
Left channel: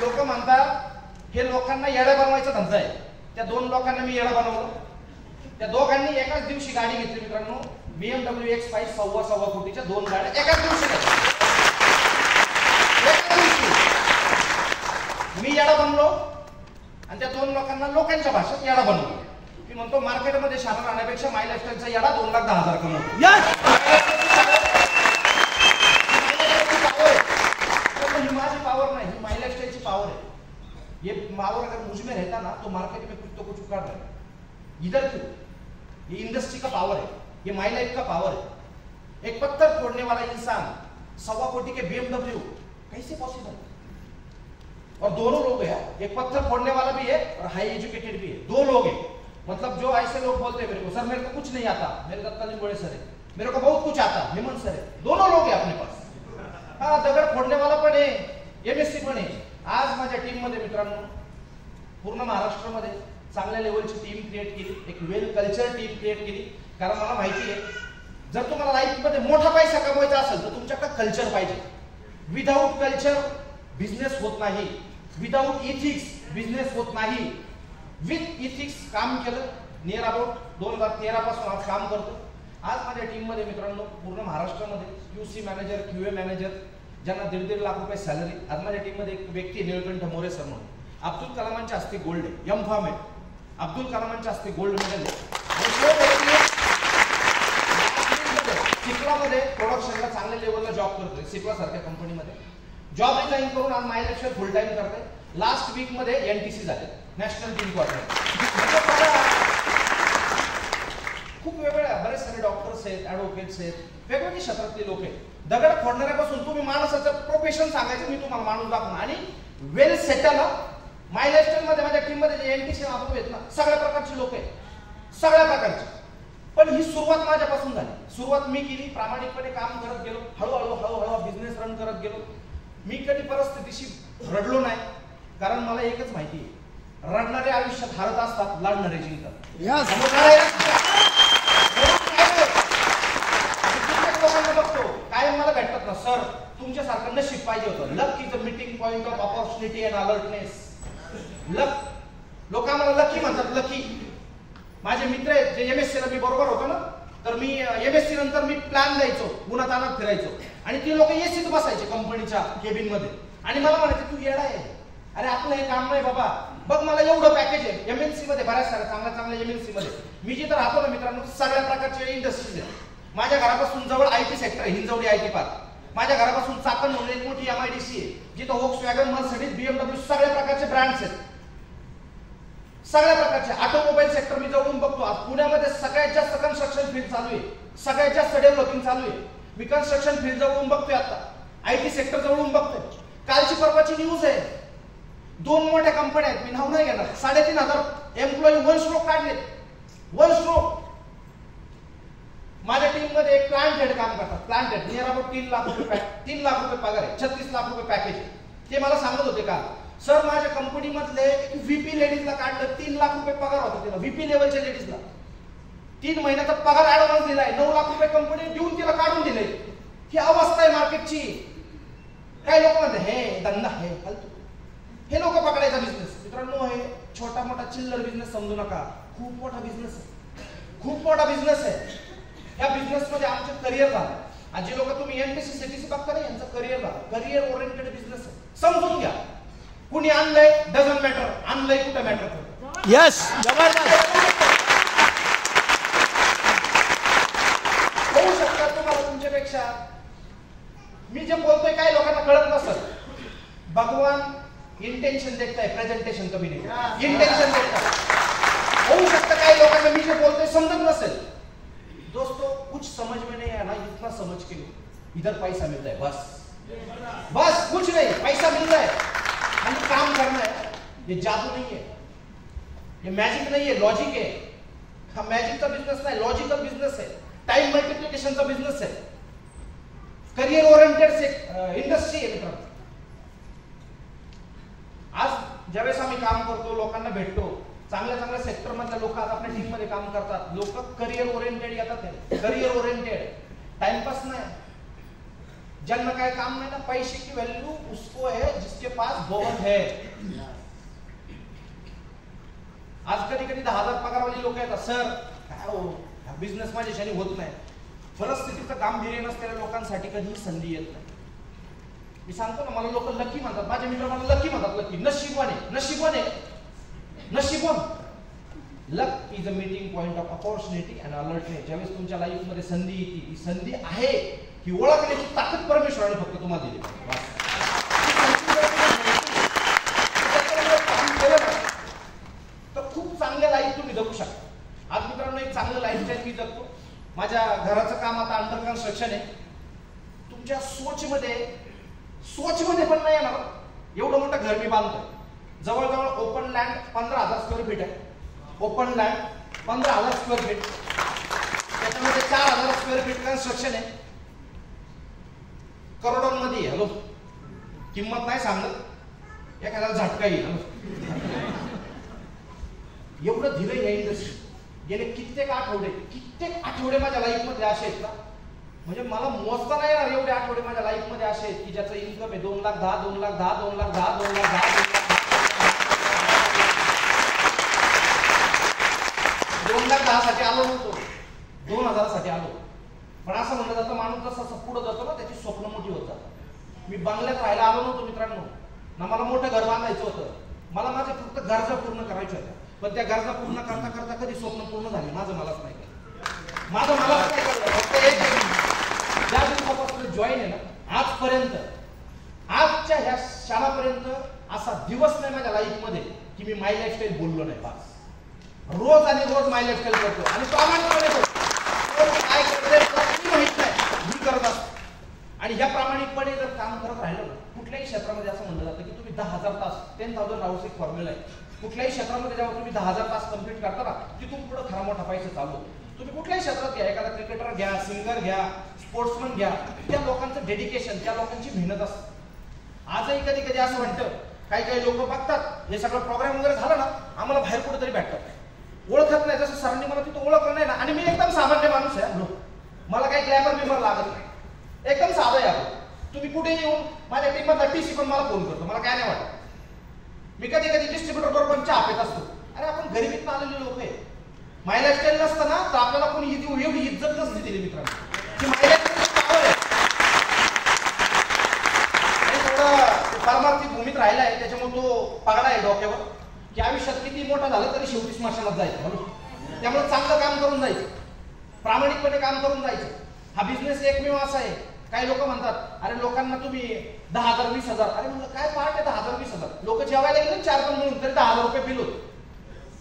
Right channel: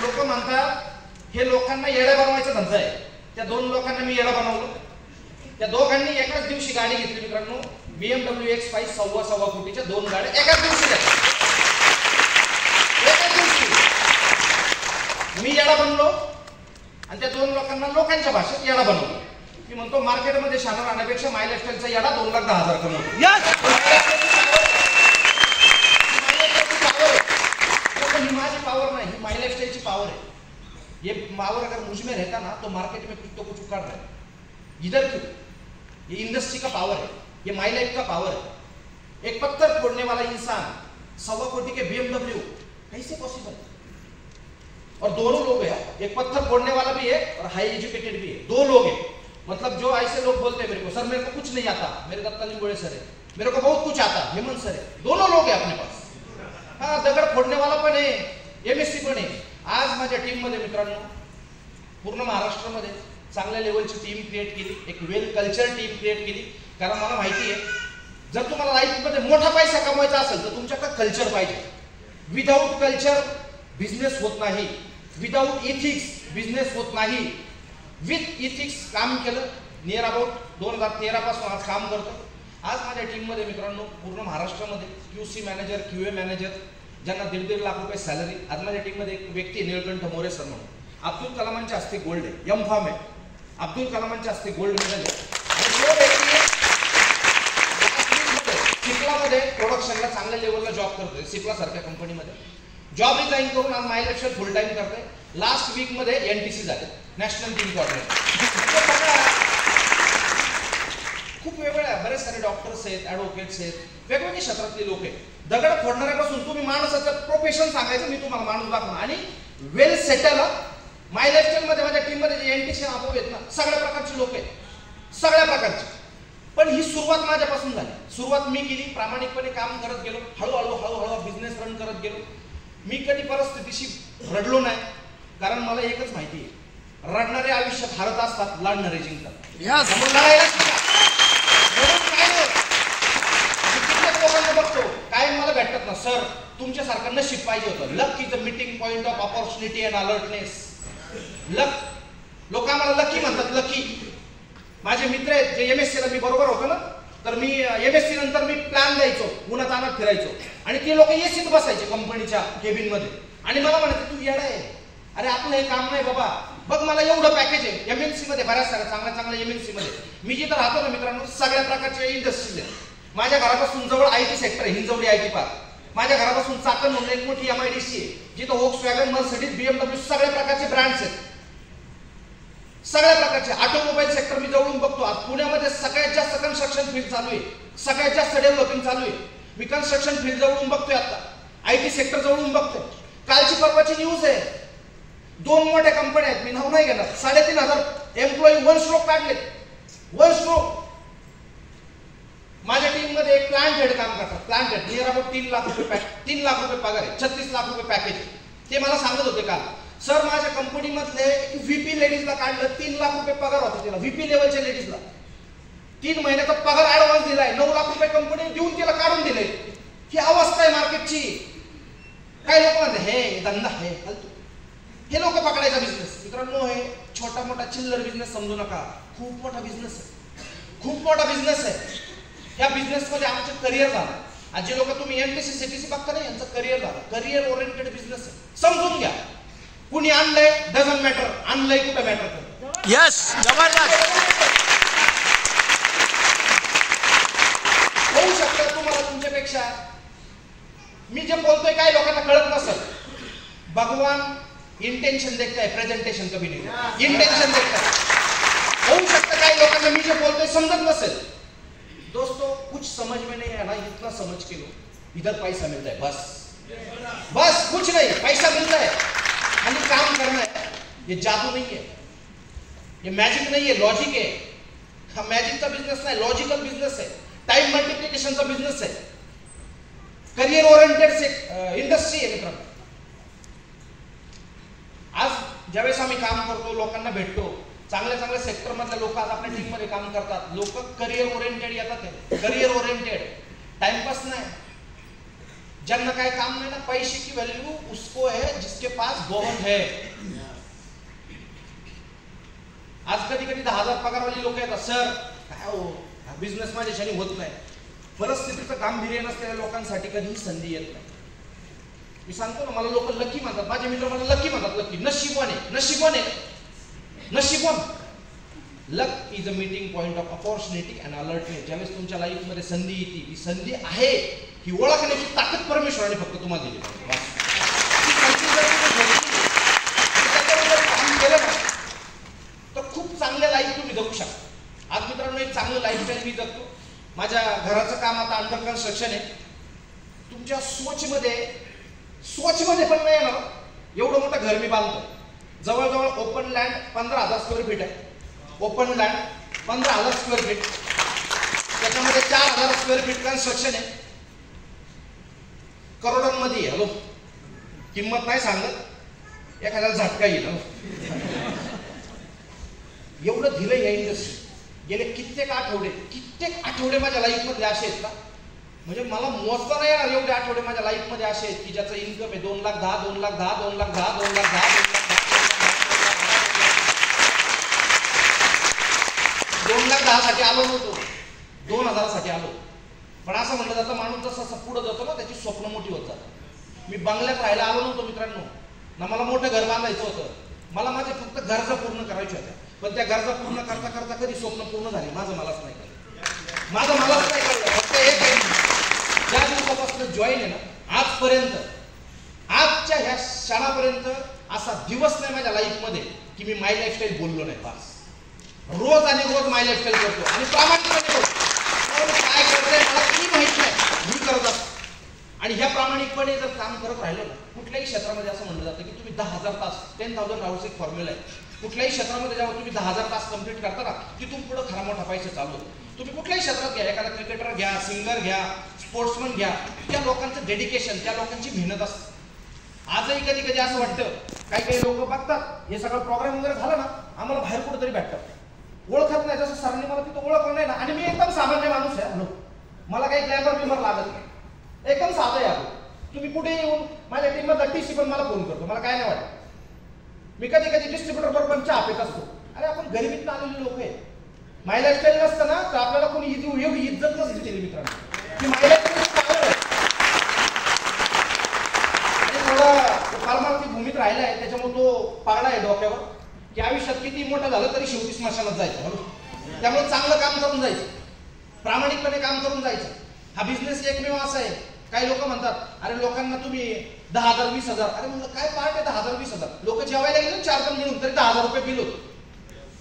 लोक म्हणतात हे लोकांना येडा बनवायचा धंदा आहे. त्या 2 लोकांना मी येडा बनवलं. त्या दोघांनी एकाच दिवशी गाडी घेतली मित्रांनो, BMW X5 सव्वा कोटीच्या 2 गाड्या एकाच दिवशी घेतल्या. एकाच दिवशी मी येडा बनलो आणि त्या 2 लोकांना लोकांच्या भाषेत येडा बनवलं. मी म्हणतो मार्केटमध्ये शाना राहण्यापेक्षा माय लाईफस्टाईलचा येडा 2,10,000 कमवतो. ही माझी पावर नहीं, माय लाइफस्टाइल की पावर है. ये पावर अगर मुझ में रहता ना तो मार्केट में कुछ तो कुछ उखाड़ रहा है. इधर क्यों? ये इंडस्ट्री का पावर है, ये माय लाइफ का पावर है. एक पत्थर फोड़ने वाला इंसान 1.25 कोटी के BMW, कैसे पॉसिबल? और दोनों लोग हैं, एक पत्थर फोड़ने वाला भी है और हाई एजुकेटेड भी है. 2 लोग हैं. मतलब जो ऐसे लोग बोलते हैं मेरे को सर मेरे को कुछ नहीं आता, मेरे दत्ता लिंबोळे सर है, मेरे को बहुत कुछ आता, हेमंत सर है. दोनों लोग हैं अपने पास. हा, दगड फोडणेवाला पण आहे, MSc पण आहे. आज माझ्या टीम मध्ये मित्रांनो, पूर्ण महाराष्ट्रामध्ये चांगल्या लेवलची टीम क्रिएट केली, एक वेल कल्चर टीम क्रिएट केली. कारण मला माहिती आहे, जर तुम्हाला लाईफमध्ये मोठा पैसा कमवायचा असेल तर तुमच्याकडे कल्चर पाहिजे. विदाउट कल्चर बिझनेस होत नाही, विदाउट इथिक्स बिझनेस होत नाही. विथ इथिक्स काम केलं, नियर अबाउट 2013 पासून आज काम करतो. आज माझ्या टीममध्ये मित्रांनो पूर्ण महाराष्ट्रामध्ये QC मॅनेजर, QA मॅनेजर, ज्यांना 1.5 लाख रुपये सॅलरी. आज माझ्या टीममध्ये एक व्यक्ती निळकंठ मोरे सर म्हणून, अब्दुल कलामांच्या हस्ते गोल्ड आहे, M.Pharm आहे, अब्दुल कलामांच्या हस्ते गोल्ड मेडल आहे. आणि तो व्यक्ती सिप्लामध्ये प्रोडक्शनला चांगल्या लेवलला जॉब करतोय. सिप्ला सारख्या कंपनीमध्ये जॉब रिझाईन करून आज माय लाईफस्टाईल फुल टाइम करतोय. लास्ट वीक मध्ये NTC झाले, नॅशनल टीम कोऑर्डिनेटर. खूप वेगवेगळ्या बरेच सारे डॉक्टर्स आहेत, ॲडव्होकेट्स आहेत, वेगवेगळ्या क्षेत्रातले लोक आहेत. दगड फोडणाऱ्यापासून तुम्ही माणसाचं प्रोफेशन सांगायचं, मी तुम्हाला माणूस दाखवणार. आणि वेल सेटल माय लाईफस्टाईल मध्ये माझ्या टीम मध्ये जे एनटीसी अनुभव आहेत ना, सगळ्या प्रकारचे लोक आहेत, सगळ्या प्रकारचे. पण ही सुरुवात माझ्यापासून झाली. सुरुवात मी केली, प्रामाणिकपणे काम करत गेलो, हळूहळू बिझनेस रन करत गेलो. मी कधी परिस्थितीशी रडलो नाही, कारण मला एकच माहिती आहे, रडणारे आयुष्यात हारत असतात, लढणारे जिंकतात. कित्येक लोकांना बघतो काय मला भेटतात ना, सर तुमच्यासारखं नशीब पाहिजे होतं. Luck is a meeting point of opportunity and alertness. Luck, लोक आम्हाला लकी म्हणतात, लकी. माझे मित्र आहेत जे एमएससी ला मी बरोबर होतो ना, तर मी एमएससी नंतर मी प्लॅन द्यायचो, उन्हात आणत फिरायचो, आणि ते लोक एसीत बसायचे कंपनीच्या केबिन मध्ये, आणि मला म्हणायचे तू येडा आहे, अरे आपलं हे काम नाही बाबा, बघ मला एवढं पॅकेज आहे. एमएनसी मध्ये बऱ्याच साऱ्या चांगल्या एमएनसी मध्ये मी जिथं राहतो ना मित्रांनो, सगळ्या प्रकारचे इंडस्ट्रीज आहेत. माझ्या घरापासून जवळ आयटी सेक्टर आहे, हिंजवडी आयटी पार्क. माझ्या घरापासून चाकण म्हणून एक मोठी एमआयडीसी आहे, जिथं व्होक्सवॅगन, मर्सिडीज, बीएमडब्ल्यू सगळ्या प्रकारचे ब्रँड्स आहेत, सगळ्या प्रकारचे. ऑटोमोबाईल सेक्टर मी जवळून बघतो. पुण्यामध्ये सगळ्यात जास्त कन्स्ट्रक्शन फील्ड चालू आहे, सगळ्यात जास्त डेव्हलपिंग चालू आहे. मी कन्स्ट्रक्शन फील्ड जवळून बघतोय, आता आयटी सेक्टर जवळून बघतोय. कालची परवाची न्यूज आहे, 2 मोठ्या कंपन्या आहेत, मी नाव नाही घेणार, 3,500 एम्प्लॉई वन स्ट्रोक काढले, वन स्ट्रोक. माझ्या टीम मध्ये एक प्लांट हेड काम करतात, plant head near about 3 lakh रुपये पगार आहे, 36 लाख रुपये पॅकेज आहे. ते मला सांगत होते का, सर माझ्या कंपनीमधले व्हीपी लेडीजला काढलं, 3 लाख रुपये पगार होता तिला, व्हीपी लेवलच्या लेडीजला 3 महिन्याचा पगार ऍडव्हान्स दिलाय, 9 लाख रुपये कंपनी देऊन तिला काढून दिले. ही अवस्था आहे मार्केटची. काही लोक म्हणते हे धंदा आहे फालतू, हे लोक पकडायचा बिझनेस. मित्रांनो, हे छोटा मोठा चिल्लर बिझनेस समजू नका, खूप मोठा बिझनेस आहे, खूप मोठा बिझनेस आहे. या बिझनेस मध्ये आमचं करिअर झालं. आज जे लोक तुम्ही एनटीसी सीटीसी बघता ना, यांचं करिअर झालं, करिअर ओरिएंटेड बिझनेस आहे. समजून घ्या, कुणी आणलंय डझंट मॅटर, आणलंय कुठं मॅटर करतं. यस, जबरदस्त. होऊ शकतं तुम्हाला तुमच्यापेक्षा, मी जे बोलतोय काही लोकांना कळत नसत. भगवान इंटेन्शन देखता है, प्रेजेंटेशन कभी नहीं, इंटेन्शन देखता है. होऊ शकतं काही लोकांना मी जे बोलतोय समजत नसेल. दोस्तों, कुछ समझ में नहीं आया ना, इतना समझ के लो, इधर पैसा मिलता है, बस कुछ नहीं, पैसा मिलता है, खाली काम करना है. ये जादू नहीं है, ये मैजिक नहीं है, लॉजिक है. हा मॅजिकचा बिझनेस नाही, लॉजिकल बिझनेस आहे, टाइम मल्टिप्लिकेशनचा बिझनेस आहे, करिअर ओरिएंटेड इंडस्ट्री आहे मित्रांनो. आज ज्यावेळेस आम्ही काम करतो, लोकांना भेटतो, चांगल्या सेक्टर मधल्या लोक आज आपल्या टीम मध्ये काम करतात. लोक करिअर ओरिएंटेड येतात, करिअर ओरिएंटेड, टाइमपास नाही. ज्यांना काय काम नाही ना, पैसे की व्हॅल्यू उसको है जिसके पास बहुत है. आज कधी 10,000 पगारवाली लोक येतात, सर काय हो बिझनेस माझ्याशाने होत नाही. परिस्थितीचं गांभीर्य नसलेल्या लोकांसाठी कधीही संधी येत नाही. मी सांगतो ना, मला लोक लकी म्हणतात, माझे मित्र मला लकी म्हणतात, लकी, नशिबाने. Luck is a meeting point of opportunity and alertness. ज्यावेळेस तुमच्या लाईफ मध्ये संधी येते, ही संधी आहे ही ओळखण्याची ताकद परमेश्वराने फक्त तुम्हाला दिली. काम केलं ना तर खूप चांगल्या लाईफ तुम्ही जगू शकता. आज मित्रांनो, एक चांगलं लाईफस्टाईल मी जगतो. माझ्या घराचं काम आता अंडर कन्स्ट्रक्शन आहे. तुमच्या सोचमध्ये पण नाही येणार एवढं मोठं घर मी बांधतो. जवळजवळ ओपन लँड 15,000 स्क्वेअर फीट आहे. ओपन लँड 15,000 स्क्वेअर फीट, त्याच्यामध्ये 4,000 स्क्वेअर फीट कन्स्ट्रक्शन आहे. करोडांमध्ये आहे. हॅलो, किंमत नाही सांगत, एखाद्याला झटका येईल. एवढं धीर या इंडस्ट्री. गेले कित्येक आठवडे माझ्या लाईफ मध्ये असे आहेत ना, म्हणजे मला मोजता नाही येणार एवढे आठवडे माझ्या लाईफ मध्ये असे आहेत की ज्याचं इन्कम आहे 2,10,000, 2,10,000, 2,10,000, 2,10,000 साठी आलो नव्हतो, 2,000 साठी आलो. पण असं म्हणलं जातं, माणूस जसं पुढे जातो ना, त्याची स्वप्न मोठी होत जातात. मी बंगल्यात राहायला आलो नव्हतो मित्रांनो, ना मला मोठं घर बांधायचं होतं. मला माझे फक्त गरजा पूर्ण करायच्या होत्या. पण त्या गरजा पूर्ण करता कधी स्वप्न पूर्ण झाले माझं मलाच नाही कळलं. फक्त एक ज्या दिवसापासून जॉईन आहे ना, आजपर्यंत, आजच्या ह्या क्षणापर्यंत असा दिवस नाही माझ्या लाईफ मध्ये की मी माय लाईफस्टाईल बोललो नाही. बस रोज आणि रोज माय लाईफस्टाईल करतो आणि प्रामाणिकपणे करतो. काय करतोय मला काही माहित नाही, मी करत असतो. आणि ह्या प्रामाणिकपणे जर काम करत राहिलो ना, कुठल्याही क्षेत्रामध्ये असं म्हणलं जातं की तुम्ही 10,000 तास 10,000 आवर्स एक फॉर्म्युला आहे. कुठल्याही क्षेत्रामध्ये जेव्हा तुम्ही 10,000 तास कंप्लीट करता ना, तिथून पुढे खरा मोठा पैसा चालू. तुम्ही कुठल्याही क्षेत्रात घ्या, एखादा क्रिकेटर घ्या, सिंगर घ्या, स्पोर्ट्समन घ्या, त्या लोकांचं डेडिकेशन, त्या लोकांची मेहनत असते. आजही कधी कधी असं वाटतं, काही काही लोक बघतात हे सगळं प्रोग्राम वगैरे झालं ना, आम्हाला बाहेर कुठेतरी भेटतात, ओळखत नाही. जसं सरांनी मला तिथं ओळखलं नाही ना, आणि मी एकदम सामान्य माणूस आहे, मला काही ग्लॅमर बिमर लागत नाही, एकदम साधं आहे आपण. तुम्ही कुठे येऊन माझ्या टीममधला टीसी पण मला फोन करतो, मला काय नाही वाटत. मी कधी कधी डिस्ट्रीब्युटर बरोबर पण चहा पेत असतो. अरे आपण गरिबीत आलेले लोक आहे. माय लाईफस्टाईल नसतं ना तर आपल्याला कोणी एवढी इज्जत नसते दिली मित्रांनो की माय लाईफस्टाईल आहे. थोडा पारमार्थिक भूमीत राहिला आहे, त्याच्यामुळे तो पगडा आहे डोक्यावर की आयुष्यात किती मोठा झालं तरी शेवटी स्मशानात जायचं. त्यामुळे चांगलं काम करून जायचं, प्रामाणिकपणे काम करून जायचं. हा बिझनेस एकमेव असा आहे. काही लोक म्हणतात अरे लोकांना तुम्ही 10,000 20,000, अरे म्हणलं काय पार्ट आहे 10,000 20,000. लोक जेवायला गेले 4 जण मिळून तरी 10,000 रुपये बिल होतं.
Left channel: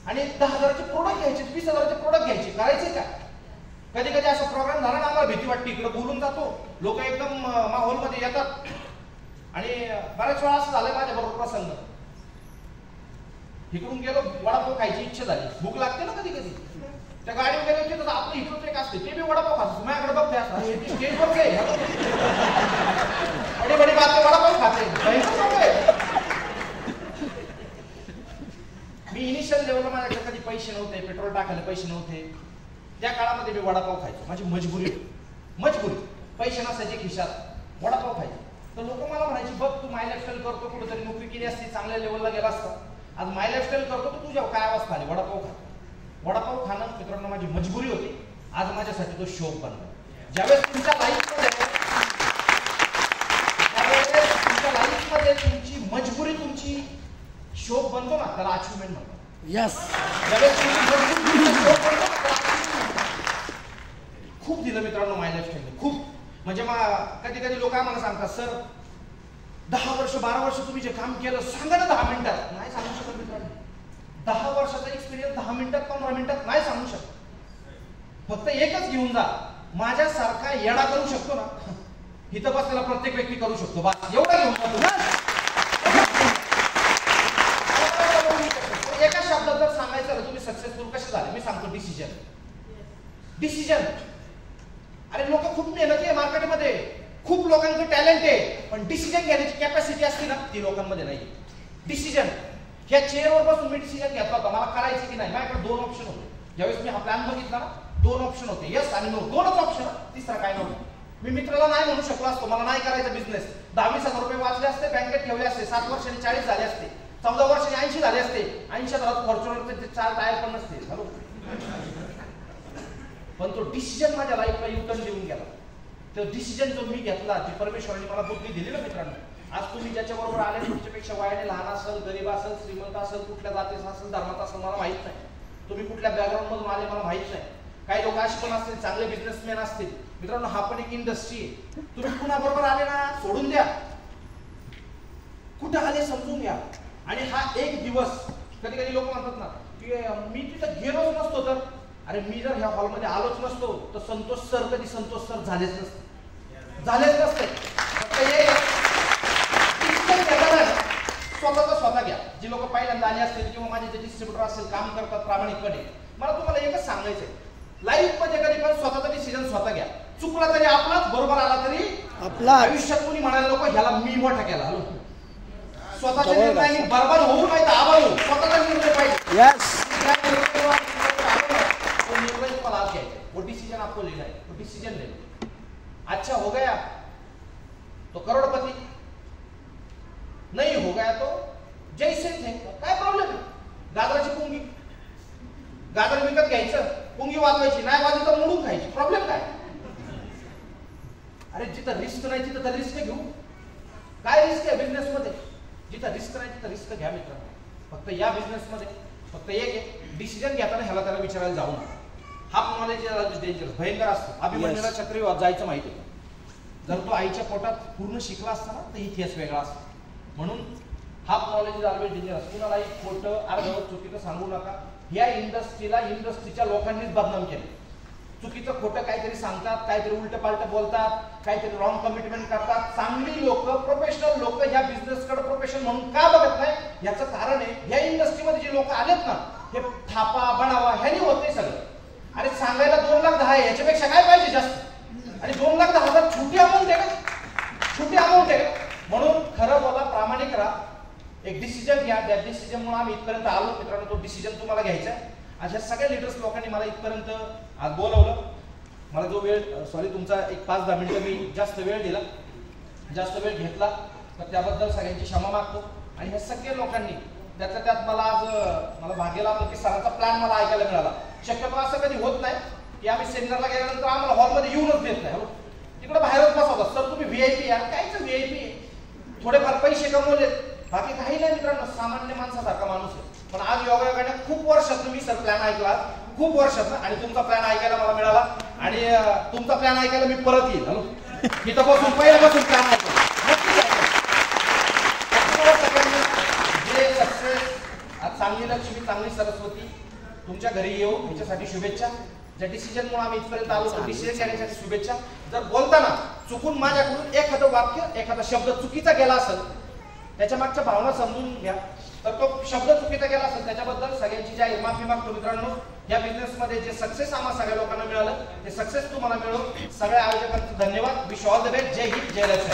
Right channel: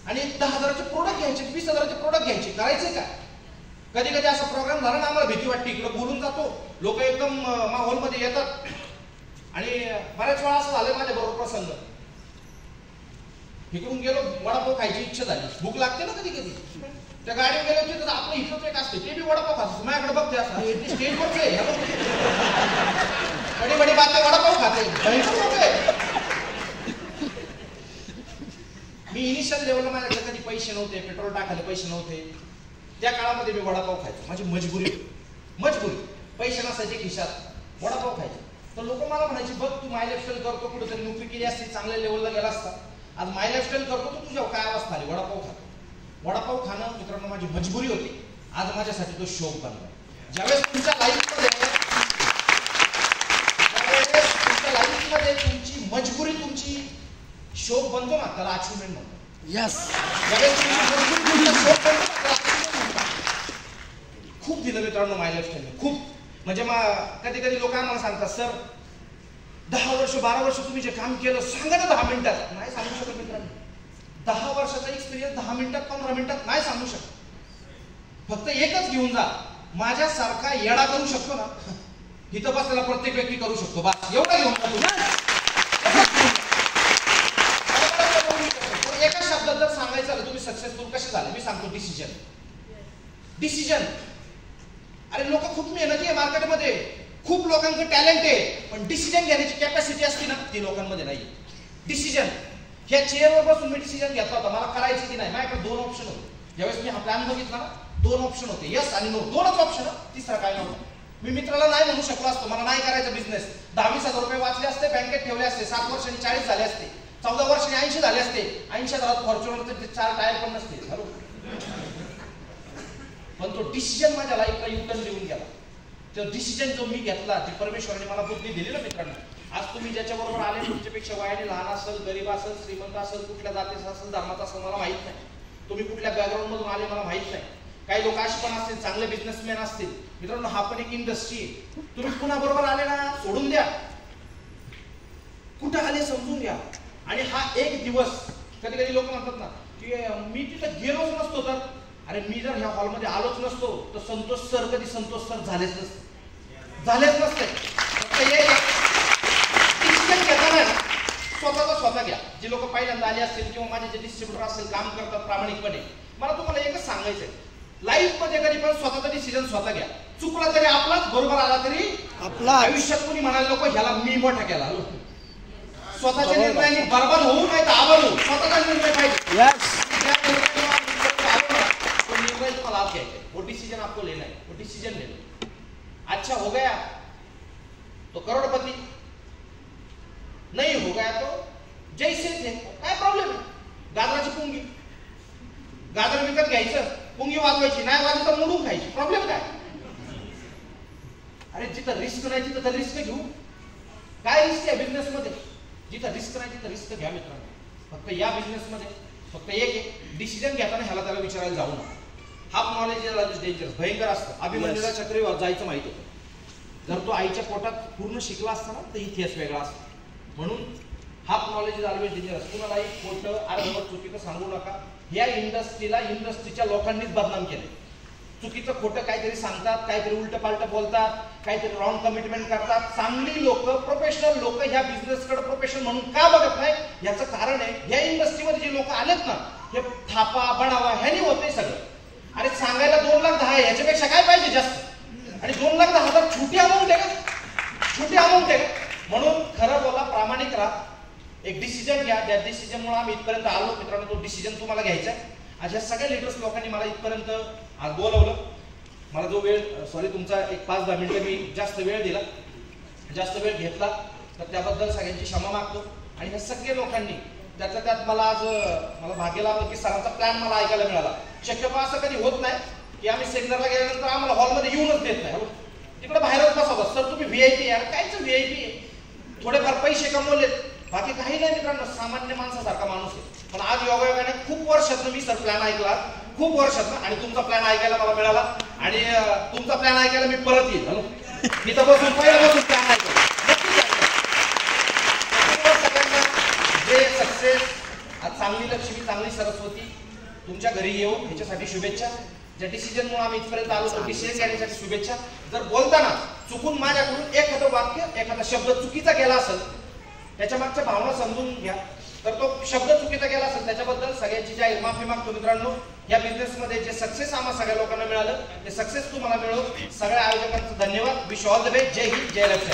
आणि 10,000चे प्रोडक्ट घ्यायचे, 20,000चे प्रोडक्ट घ्यायचे, करायचे काय? कधी कधी असा प्रोग्राम झाला ना, आम्हाला भीती वाटते, इकडे बोलून जातो, लोक एकदम माहोलमध्ये येतात. आणि बऱ्याच वेळा असं झालंय माझ्या बरोबर प्रसंग, इकडून गेलो, वडापाव खायची इच्छा झाली, भूक लागते ना कधी कधी, त्या गाडीवर गेलो की तर आपलं इथलं एक असते ते बी वडापाव खातो. माझ्याकडे बघते असं स्टेजवरच आहे, बडी बडी बात वडापाव खाते. मी इनिशियल लेवलला माझ्याकडे कधी पैसे नव्हते, पेट्रोल टाकायला पैसे नव्हते, त्या काळामध्ये मी वडापाव खायचो. माझी मजबुरी, पैसे नसायचे खिशात, वडापाव खायचे. तर लोक मला म्हणायचे बघ तू माय लाईफस्टाईल करतो, कुठेतरी नोकरी केली असती, चांगल्या लेवलला गेला असता, आज माय लाईफस्टाईल करतो तर तुझ्या काय अवस्था आली, वडापाव खातो. वडापाव खाणं मित्रांनो माझी मजबुरी होती, आज माझ्यासाठी तो शौक बनला. ज्यावेळेस तुमच्या लाईफमध्ये तुमची मजबुरी तुमची शौक बनतो ना, त्याला अचिव्हमेंट म्हणतो. ज्यावेळेस तुमची मजबुरी शौक बनतो ना, खूप दिलं मित्रांनो माय लाईफस्टाईलने, खूप. म्हणजे कधी कधी लोक मला सांगतात सर 10 वर्ष 12 वर्ष तुम्ही जे काम केलं सांगा ना 10 मिनिटात. नाही सांगू शकत मित्रांनो, 10 वर्षाचा एक्सपिरियन्स 10 मिनिटात 15 मिनिटात नाही सांगू शकत. फक्त एकच घेऊन जा, माझ्यासारखा येडा करू शकतो ना, इथं बसलेला प्रत्येक व्यक्ती करू शकतो, बस एवढा घेऊन जा. एका शब्दात जर सांगायचं झालं तुम्ही सक्सेसफुल कसे झाले, मी सांगतो डिसिजन. अरे लोक खूप मेहनती आहे मार्केटमध्ये, खूप लोकांचं टॅलेंट आहे, पण डिसिजन घेण्याची कॅपॅसिटी असते ना ती लोकांमध्ये नाही. डिसिजन, ह्या चेअरवर बसून मी डिसिजन घेतला होता मला करायचं की नाही. माझ्याकडे 2 ऑप्शन होते. ज्यावेळेस मी हा प्लॅन बघितला ना, 2 ऑप्शन होते, यस आणि नो, 2च ऑप्शन, तिसरा काय नव्हता. मी मित्राला नाही म्हणू शकलो असतो मला नाही करायचा बिझनेस, 10-20,000 रुपये वाचले असते, बँकेत ठेवले असते, 7 वर्षांनी 40 झाले असते, 14 वर्षांनी 80 झाले असते, 80,000 फॉर्च्युनर 4 टायर पण नसते. पण तो डिसिजन माझ्या लाईफला युटर्न देऊन गेला. तो डिसिजन जो मी घेतला, ती परमेश्वराने मला बुद्धी दिली ना मित्रांनो. आज तुम्ही ज्याच्याबरोबर आले तुमच्यापेक्षा वयाने लहान असेल, गरीब असेल, श्रीमंत असेल, कुठल्या जातीचा असेल, धर्माचा असेल, मला माहित नाही. तुम्ही कुठल्या बॅकग्राऊंड मधून आले मला माहित नाही. काही लोक असे पण असतील, चांगले बिझनेसमॅन असतील. मित्रांनो हा पण एक इंडस्ट्री आहे. तुम्ही कुणा बरोबर आले ना सोडून द्या, कुठं आले समजून घ्या. आणि हा एक दिवस, कधी कधी लोक म्हणतात ना की मी तिथं गेलोच नसतो तर, अरे मी जर ह्या हॉलमध्ये आलोच नसतो तर संतोष सर कधी संतोष सर झालेच नसते. फक्त डिसिजन घेताना स्वतः घ्या. जे लोक पहिल्यांदा आले असतील किंवा माझे जे डिस्ट्रीब्युटर असतील, काम करतात प्रामाणिकपणे, मला तुम्हाला एकच सांगायचंय, लाईफ मध्ये कधी पण स्वतःचा डिसिजन स्वतः घ्या. चुकला तरी आपलाच, बरोबर आला तरी आपला. आयुष्यात कोणी म्हणाले लोक ह्याला मी मोठा केला, स्वतःच्या निर्णयाने बरबाद होऊ नाही तर आभार होऊ. स्वतःचा निर्णय पाहिजे. वो डिसीजन आपको लेना है, वो डिसीजन ले लो. अच्छा हो गया तो करोड़पति, नहीं हो गया तो जैसे थे. काय प्रॉब्लेम आहे? गाजराची पुंगी, गाजर विकत घ्यायचं, पुंगी वाजवायची, नाही वाजली तर मोडून खायची. प्रॉब्लेम काय? अरे जिथं रिस्क नाही तिथं तर रिस्क घेऊ. काय रिस्क आहे बिझनेस मध्ये? जिथं रिस्क नाही तिथं रिस्क घ्या मित्रांनो. फक्त या बिझनेस मध्ये फक्त एक आहे, डिसिजन घेताना ह्याला त्याला विचारायला जाऊ नका. हाफ नॉलेज डेंजर, भयंकर असतं. अभिमन्यूला चक्रीवर जायचं माहिती होतं, जर तो आईच्या पोटात पूर्ण शिकला असता ना तर इतिहास वेगळा असतो. म्हणून half knowledge is always dangerous. कुणालाही खोटं अर्धवट चुकीचं सांगू नका. ह्या इंडस्ट्रीला इंडस्ट्रीच्या लोकांनीच बदनाम केले. चुकीचं खोटं काहीतरी सांगतात, काहीतरी उलट पालट बोलतात, काहीतरी रॉंग कमिटमेंट करतात. चांगली लोक, प्रोफेशनल लोक ह्या बिझनेसकडे प्रोफेशनल म्हणून का बघत नाही याचं कारण आहे ह्या इंडस्ट्रीमध्ये जे लोक आलेत ना हे थापा बनावा ह्यानी होते सगळं. आणि सांगायला 2,10,000 आहे, याच्यापेक्षा काय पाहिजे जास्त. आणि 2,10,000 छोटी अमाऊंट आहे का? छोटी अमाऊंट आहे का? म्हणून खरं बोला, प्रामाणिक राहा, एक डिसिजन घ्या. ज्या डिसिजनमुळे आम्ही इथपर्यंत आलो मित्रांनो, तो डिसिजन तुम्हाला घ्यायचा आहे. अशा सगळ्या लिडर्स लोकांनी मला इथपर्यंत आज बोलवलं. मला जो वेळ तुमचा एक 5-10 मिनिटं मी जास्त वेळ दिला, जास्त वेळ घेतला तर त्याबद्दल सगळ्यांची क्षमा मागतो. आणि ह्या सगळ्या लोकांनी त्यात मला आज मला भाग्य लाभलं की सरांचा प्लॅन मला ऐकायला मिळाला. शक्यतो असं कधी होत नाही की आम्ही सेमिनारला गेल्यानंतर आम्हाला हॉलमध्ये येऊनच देत नाही, तिकडे बाहेरच बसावं. सर तुम्ही व्हीआयपी यार, कायच व्हीआयपी आहे, थोडेफार पैसे कमवलेत, बाकी काही नाही मित्रांनो, सामान्य माणसासारखा माणूस आहे. पण आज योगायोगाने खूप वर्षातून मी सर प्लॅन ऐकला, खूप वर्षातून, आणि तुमचा प्लॅन ऐकायला मला मिळाला. आणि तुमचा प्लॅन ऐकायला मी परत येईल. हॅलो, इथं बसून पहिल्यापासून प्लॅन ऐकला. जे सक्सेस, आज चांगली लक्ष्मी, चांगली सरस्वती तुमच्या घरी येऊ ह्याच्यासाठी शुभेच्छा. ज्या डिसिजनमुळे आम्ही इथपर्यंत आलो तो डिसिजन घेण्यासाठी शुभेच्छा. जर बोलताना चुकून माझ्याकडून एखादं वाक्य, एखादा शब्द चुकीचा गेला असेल, त्याच्या मागच्या भावना समजून घ्या. तर तो शब्द चुकीचा गेला असेल त्याच्याबद्दल सगळ्यांची जाहीर माफी मागतो. मित्रांनो, या बिझनेसमध्ये जे सक्सेस आम्हा सगळ्या लोकांना मिळालं ते सक्सेस तुम्हाला मिळो. सगळ्या आयोजकांचं धन्यवाद. Wish all the best. जय हिंद, जय लक्ष्मी.